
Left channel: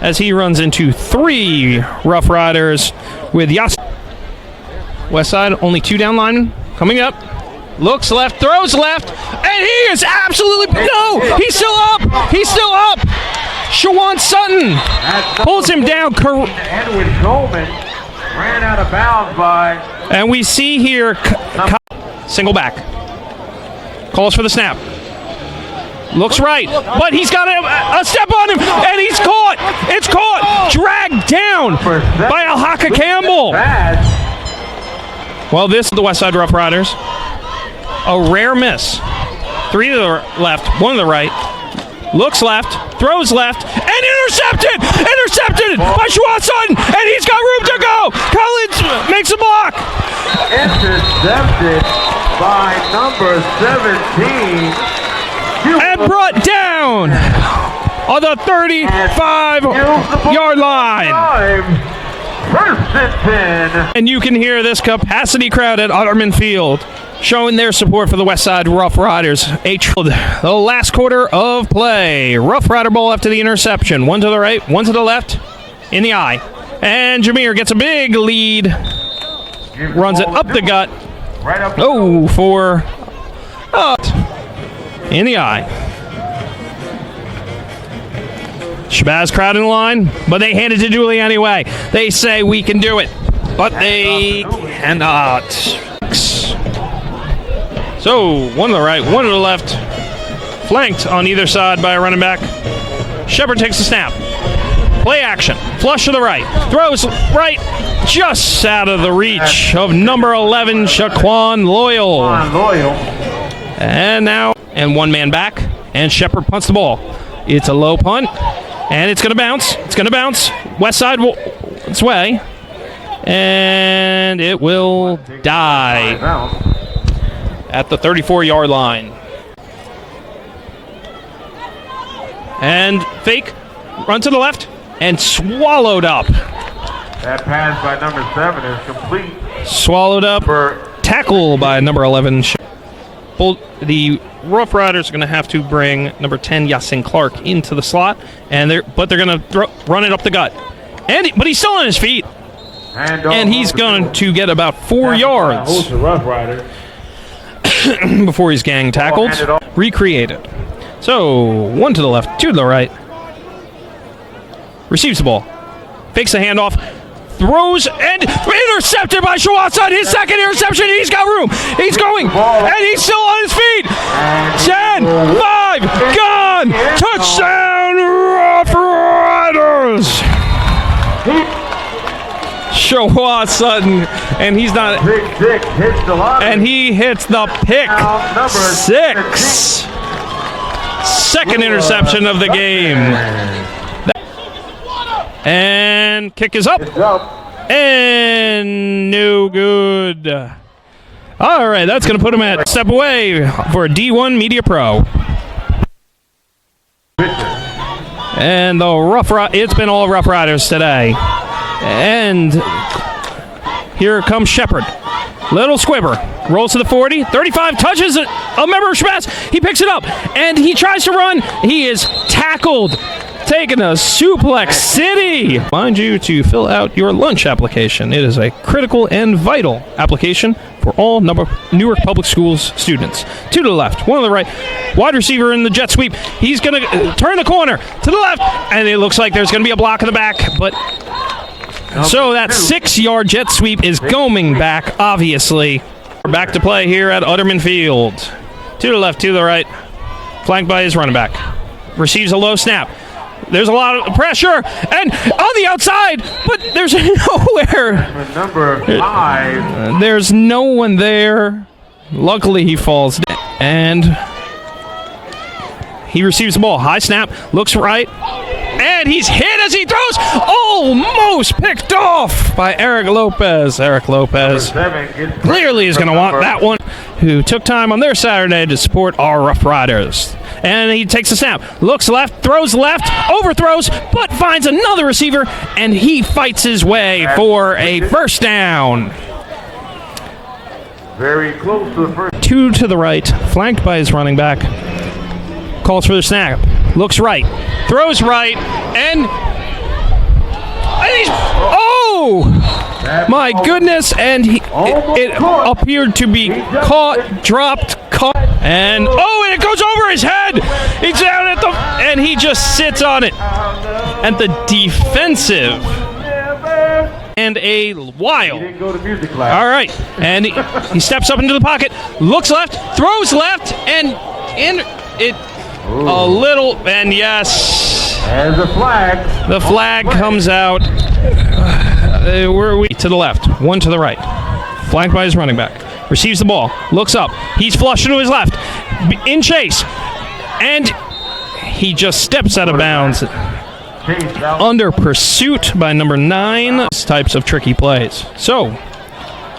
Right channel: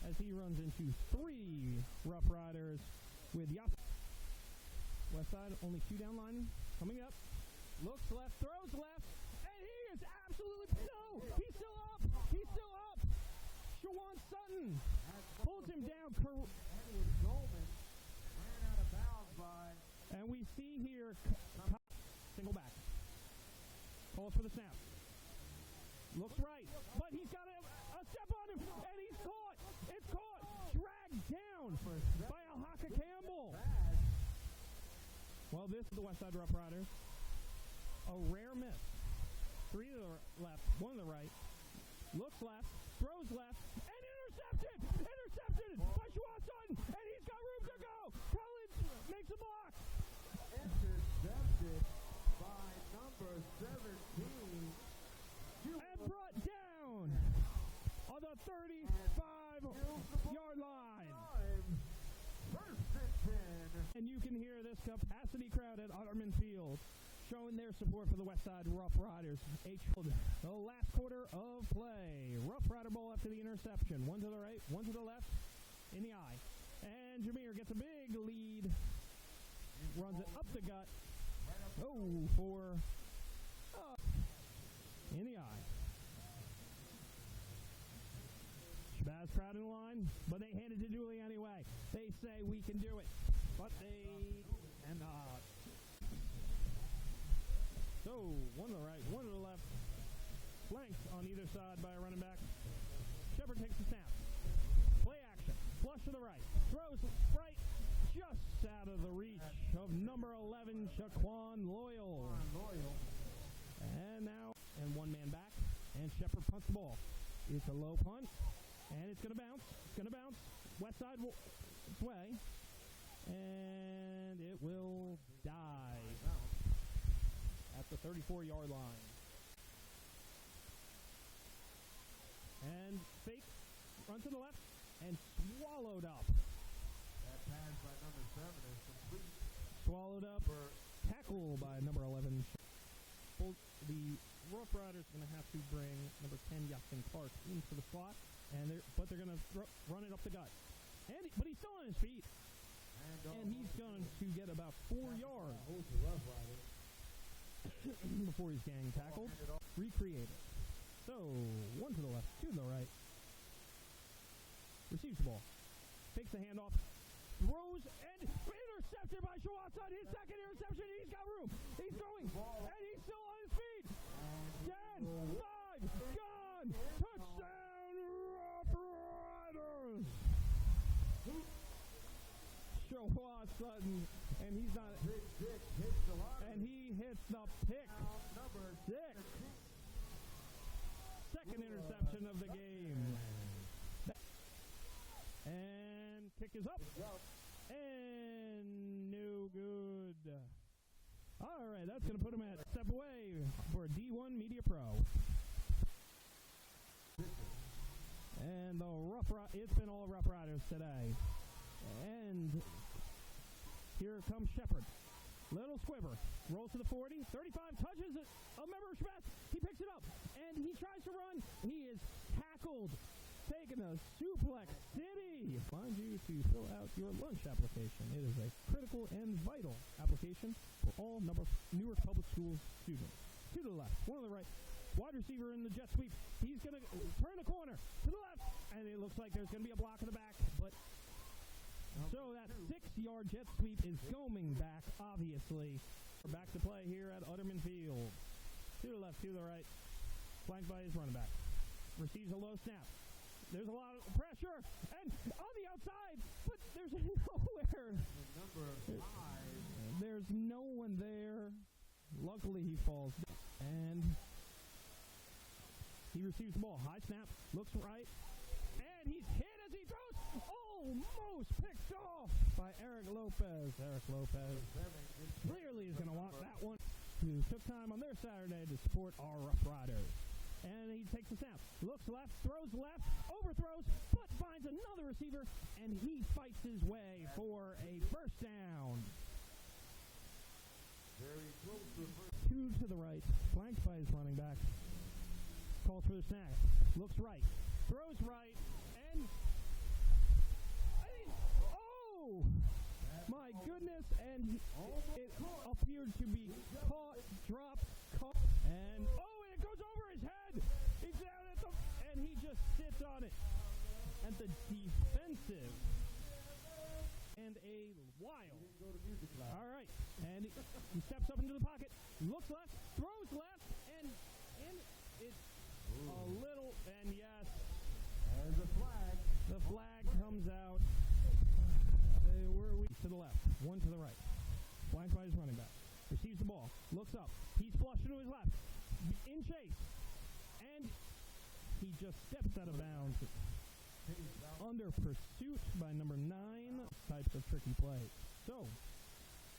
as he runs into 3 Rough Riders with Yas. Westside, only 2 down linemen coming up. Looks left, throws left, and he is absolutely, no, he's still up, he's still up. Shawan Sutton pulls him down. Edwin Coleman ran out of bounds by. And we see here, single back. Calls for the snap. Looks right, but he's got a step on him, and he's caught. It's caught, dragged down by Alhaka Campbell. Well, this is the Westside Rough Riders. A rare miss. 3 to the left, 1 to the right. Looks left, throws left, and intercepted! Intercepted by Shawan Sutton, and he's got room to go. Collins makes a block. Intercepted by number 17. And brought down on the 35-yard line. First and 10. And you can hear this capacity crowd at Otterman Field showing their support for the Westside Rough Riders. The last quarter of play. Rough Rider ball after the interception. 1 to the right, 1 to the left, in the eye. And Jameer gets a big lead. Runs it up the gut. In the eye. SHABAZZ crowd in the line, but they hand it to Dooley anyway. They say we can do it, but they cannot. So 1 to the right, 1 to the left, flanked on either side by a running back. Shepard takes the snap. Play action, flush to the right, throws right, just out of the reach of number 11, Shaquan Loyal. And now, and 1 man back, and Shepard punts the ball. It's a low punt, and it's going to bounce. It's going to bounce. Westside its way, and it will die at the 34-yard line. And fake, run to the left, and swallowed up. That pass by number 7 is complete. Swallowed up. Tackle by number 11. The Rough Riders are going to have to bring number 10, Yasin Clark, into the slot, but they're going to run it up the gut. But he's still on his feet, and he's going to get about 4 yards. before he's gang tackled. Recreated. So, 1 to the left, 2 to the right. Receives the ball. Fakes the handoff. Throws and intercepted by SHABAZZ. His second interception. He's got room. He's going. And he's still on his feet. 10, 5, gone. Touchdown, Rough Riders. SHABAZZ, and he's not. And he hits the pick. 6. Second interception of the game. And kick is up. And no good. All right, that's going to put him at step away for D1 Media Pro. And it's been all Rough Riders today. And here comes Shepard. Little squibber. Rolls to the 40. 35. Touches a member of SHABAZZ. He picks it up. And he tries to run. He is tackled. Taking a suplex city. Mind you to fill out your lunch application. It is a critical and vital application for all Newark Public Schools students. 2 to the left, 1 to the right. Wide receiver in the jet sweep. He's going to turn the corner to the left. And it looks like there's going to be a block in the back. But so that 6-yard jet sweep is going back, obviously. We're back to play here at Utterman Field. 2 to the left, 2 to the right. Flanked by his running back. Receives a low snap. There's a lot of pressure, and on the outside, but there's nowhere. Number 5. There's no one there. Luckily, he falls down, and he receives the ball. High snap, looks right, and he's hit as he throws. Almost picked off by Eric Lopez. Eric Lopez clearly is going to want that one, who took time on their Saturday to support our Rough Riders. And he takes a snap, looks left, throws left, overthrows, but finds another receiver, and he fights his way for a first down. Very close to the first. 2 to the right, flanked by his running back. Calls for the snap, looks right, throws right, and he's, my goodness, and it appeared to be dropped, and it goes over his head. He's down at and he just sits on it at the defensive. And a wild. All right, and he steps up into the pocket, looks left, throws left, and a little, and yes. There's a flag. The flag comes out. Where are we? To the left, 1 to the right. Flanked by his running back. Receives the ball, looks up. He's flushed to his left. In chase. And he just steps out of bounds. Under pursuit by number 9. Types of tricky plays. So,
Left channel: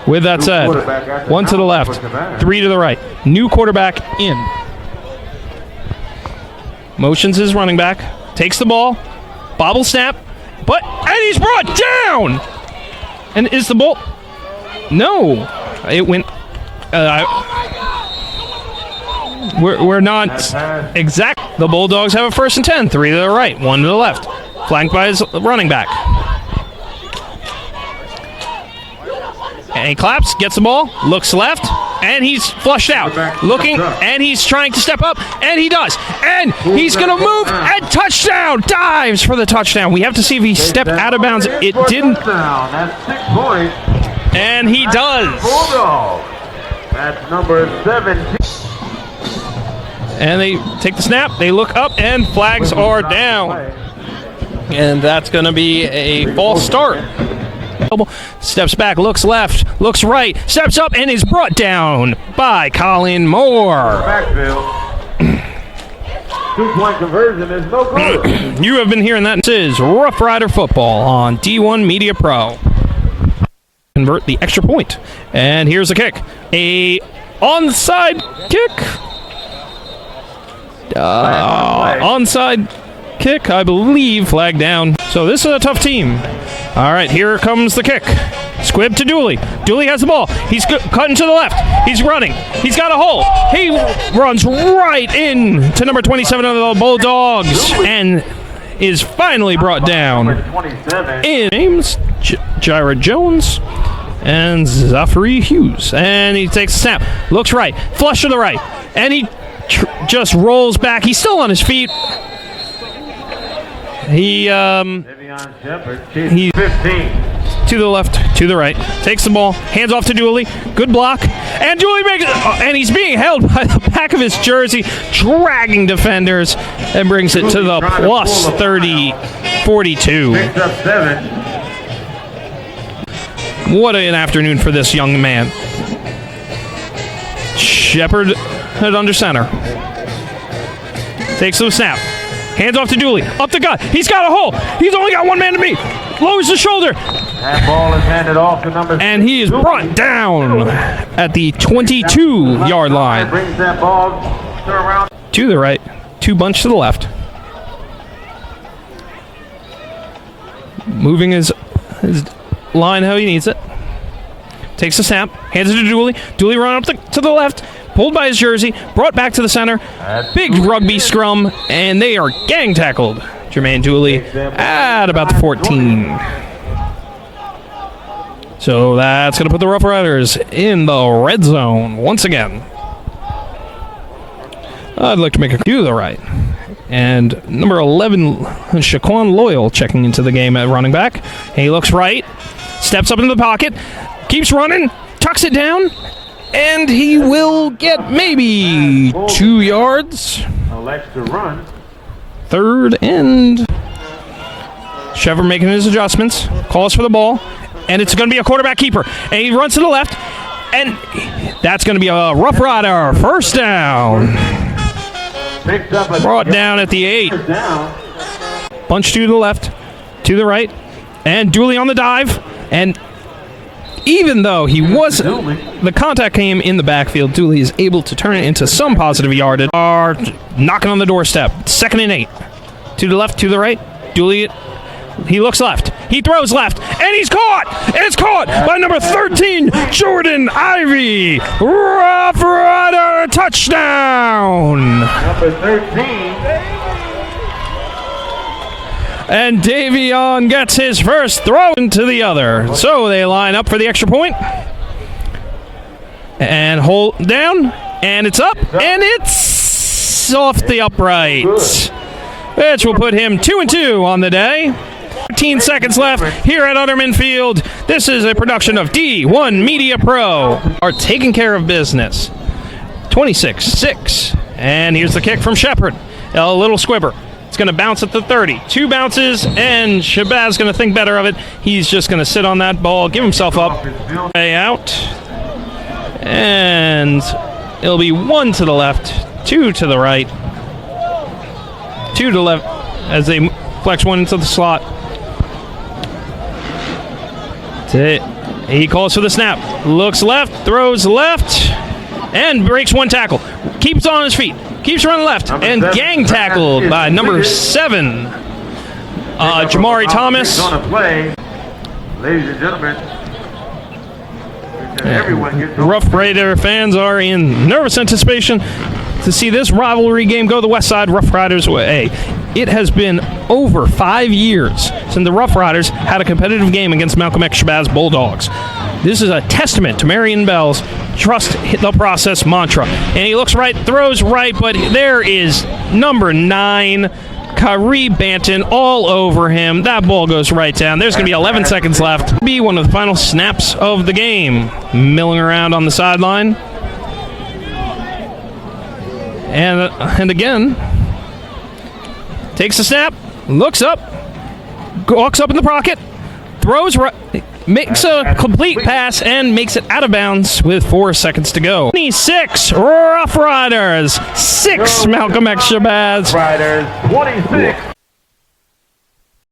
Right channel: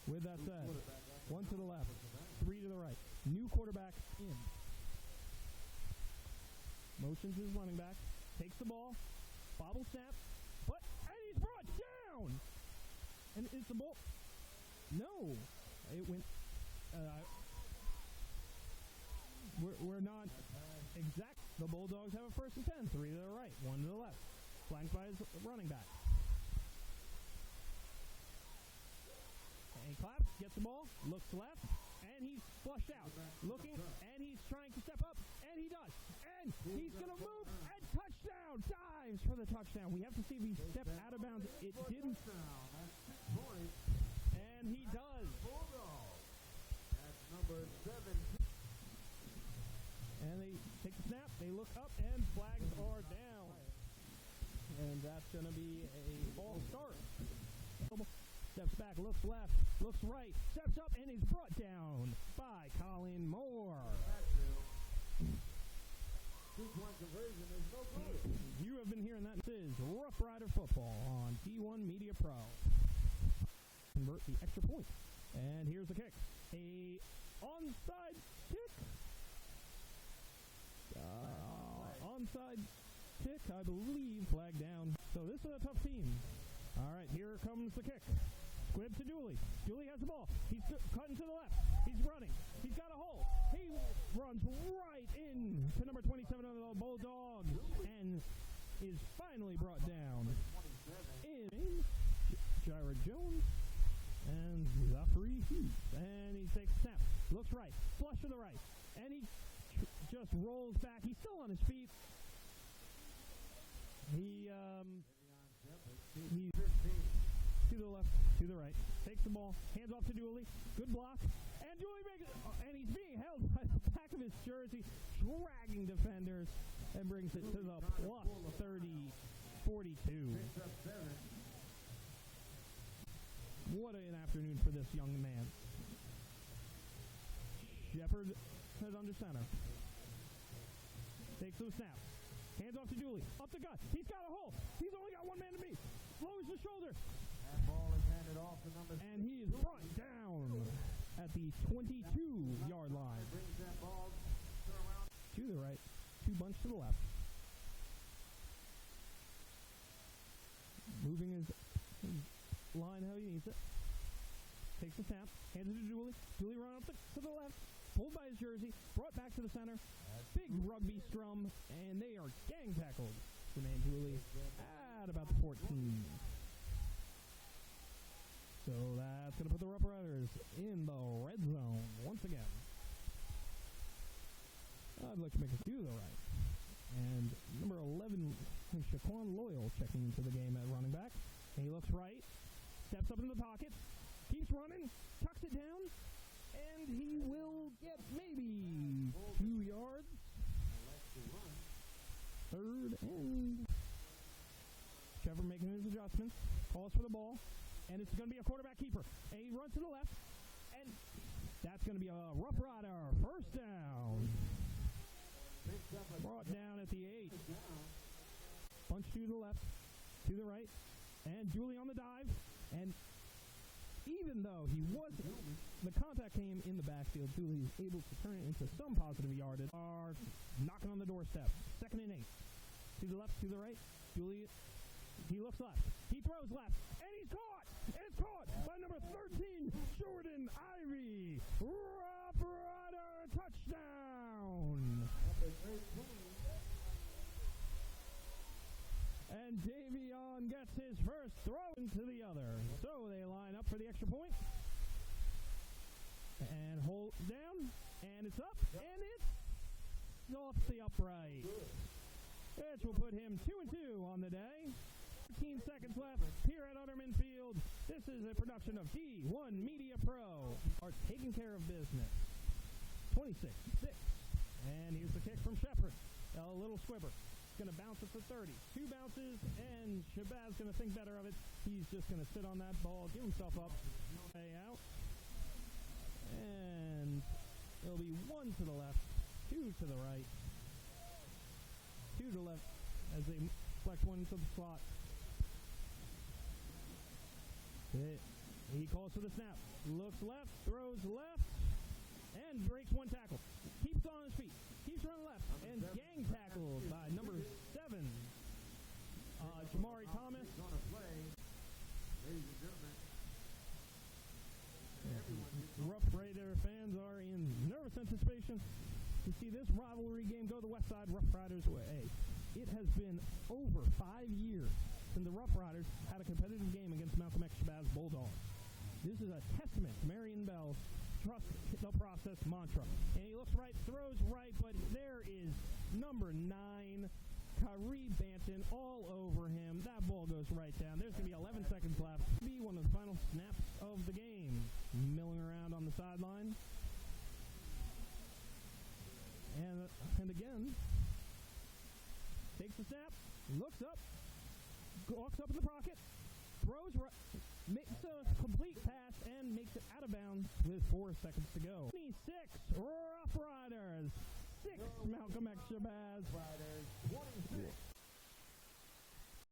with that said, 1 to the left, 3 to the right. New quarterback in. Motions his running back. Takes the ball. Bobble snap. And he's brought down! And is the ball... No. It went... we're not exact. The Bulldogs have a 1st and 10. 3 to the right, 1 to the left. Flanked by his running back. And he claps, gets the ball, looks left, and he's flushed out. Looking, and he's trying to step up, and he does. And he's going to move, and touchdown! Dives for the touchdown. We have to see if he stepped out of bounds. It didn't. And he does. That's number 17. And they take the snap, they look up, and flags are down. And that's going to be a false start. Steps back, looks left, looks right, steps up, and is brought down by Colin Moore. 2-point conversion is no good. You have been hearing that. This is Rough Rider Football on D1 Media Pro. Convert the extra point. And here's the kick. A onside kick. Onside kick, I believe, flag down. So this is a tough team. All right, here comes the kick. Squib to Dooley. Dooley has the ball. He's cutting to the left. He's running. He's got a hole. He runs right in to number 27 of the Bulldogs and is finally brought down in James Jared Jones. And Zachary Hughes. And he takes a snap. Looks right. Flush to the right. And he just rolls back. He's still on his feet. He's 15. to the left, to the right. Takes the ball. Hands off to Dooley. Good block. And Dooley makes it. And he's being held by the back of his jersey, dragging defenders, and brings it to the plus 42. Picks up 7. What an afternoon for this young man. Shepard at under center. Takes the snap. Hands off to Dooley. Up the gut. He's got a hole. He's only got one man to beat. Lowers the shoulder. That ball is handed off to number 6. And he is brought down at the 22-yard line. Brings that ball around. To the right. 2 bunch to the left. Moving his line how he needs it. Takes the snap. Hands it to Dooley. Dooley run up to the left. Pulled by his jersey, brought back to the center. Big rugby scrum, and they are gang tackled. Jermaine Dooley at about the 14. So that's going to put the Rough Riders in the red zone once again. I'd like to make a to the right. And number 11, Shaquan Loyal, checking into the game at running back. He looks right, steps up into the pocket, keeps running, tucks it down, and he will get maybe 2 yards. Elects to run. 3rd and... Trevor making his adjustments, calls for the ball, and it's going to be a quarterback keeper. And he runs to the left, and that's going to be a Rough Rider first down. Brought down at the 8. Bunch to the left, to the right, and Dooley on the dive, and even though he was, the contact came in the backfield, Dooley is able to turn it into some positive yardage. Are knocking on the doorstep. 2nd and 8. To the left, to the right. Dooley, he looks left. He throws left, and he's caught. And it's caught by number 13, Jordan Ivy. Rough Rider touchdown. Number 13. And Davion gets his first throw into the other. So they line up for the extra point. And hold down. And it's up. And it's off the upright. Which will put him 2-2 on the day. 13 seconds left here at Utterman Field. This is a production of D1 Media Pro. Are taking care of business. 26-6. And here's the kick from Shepard. A little squibber. It's going to bounce at the 30. 2 bounces, and SHABAZZ going to think better of it. He's just going to sit on that ball, give himself up, way out. And it'll be 1 to the left, 2 to the right, 2 to the left as they flex 1 into the slot. He calls for the snap. Looks left, throws left, and breaks 1 tackle. Keeps on his feet. Keeps running left, and gang tackled by number 7, Jamari Thomas. Ladies and gentlemen, Rough Rider fans are in nervous anticipation to see this rivalry game go the Westside Rough Riders way. It has been over 5 years since the Rough Riders had a competitive game against Malcolm X SHABAZZ Bulldogs. This is a testament to Marion Bell's trust the process mantra. And he looks right, throws right, but there is number 9, Kyrie Banton, all over him. That ball goes right down. There's going to be 11 seconds left. Be one of the final snaps of the game. Milling around on the sideline. And again, takes the snap, looks up, walks up in the pocket, throws right, makes a complete pass, and makes it out of bounds with 4 seconds to go. 26 Rough Riders, 6 Malcolm X SHABAZZ. Riders, 26.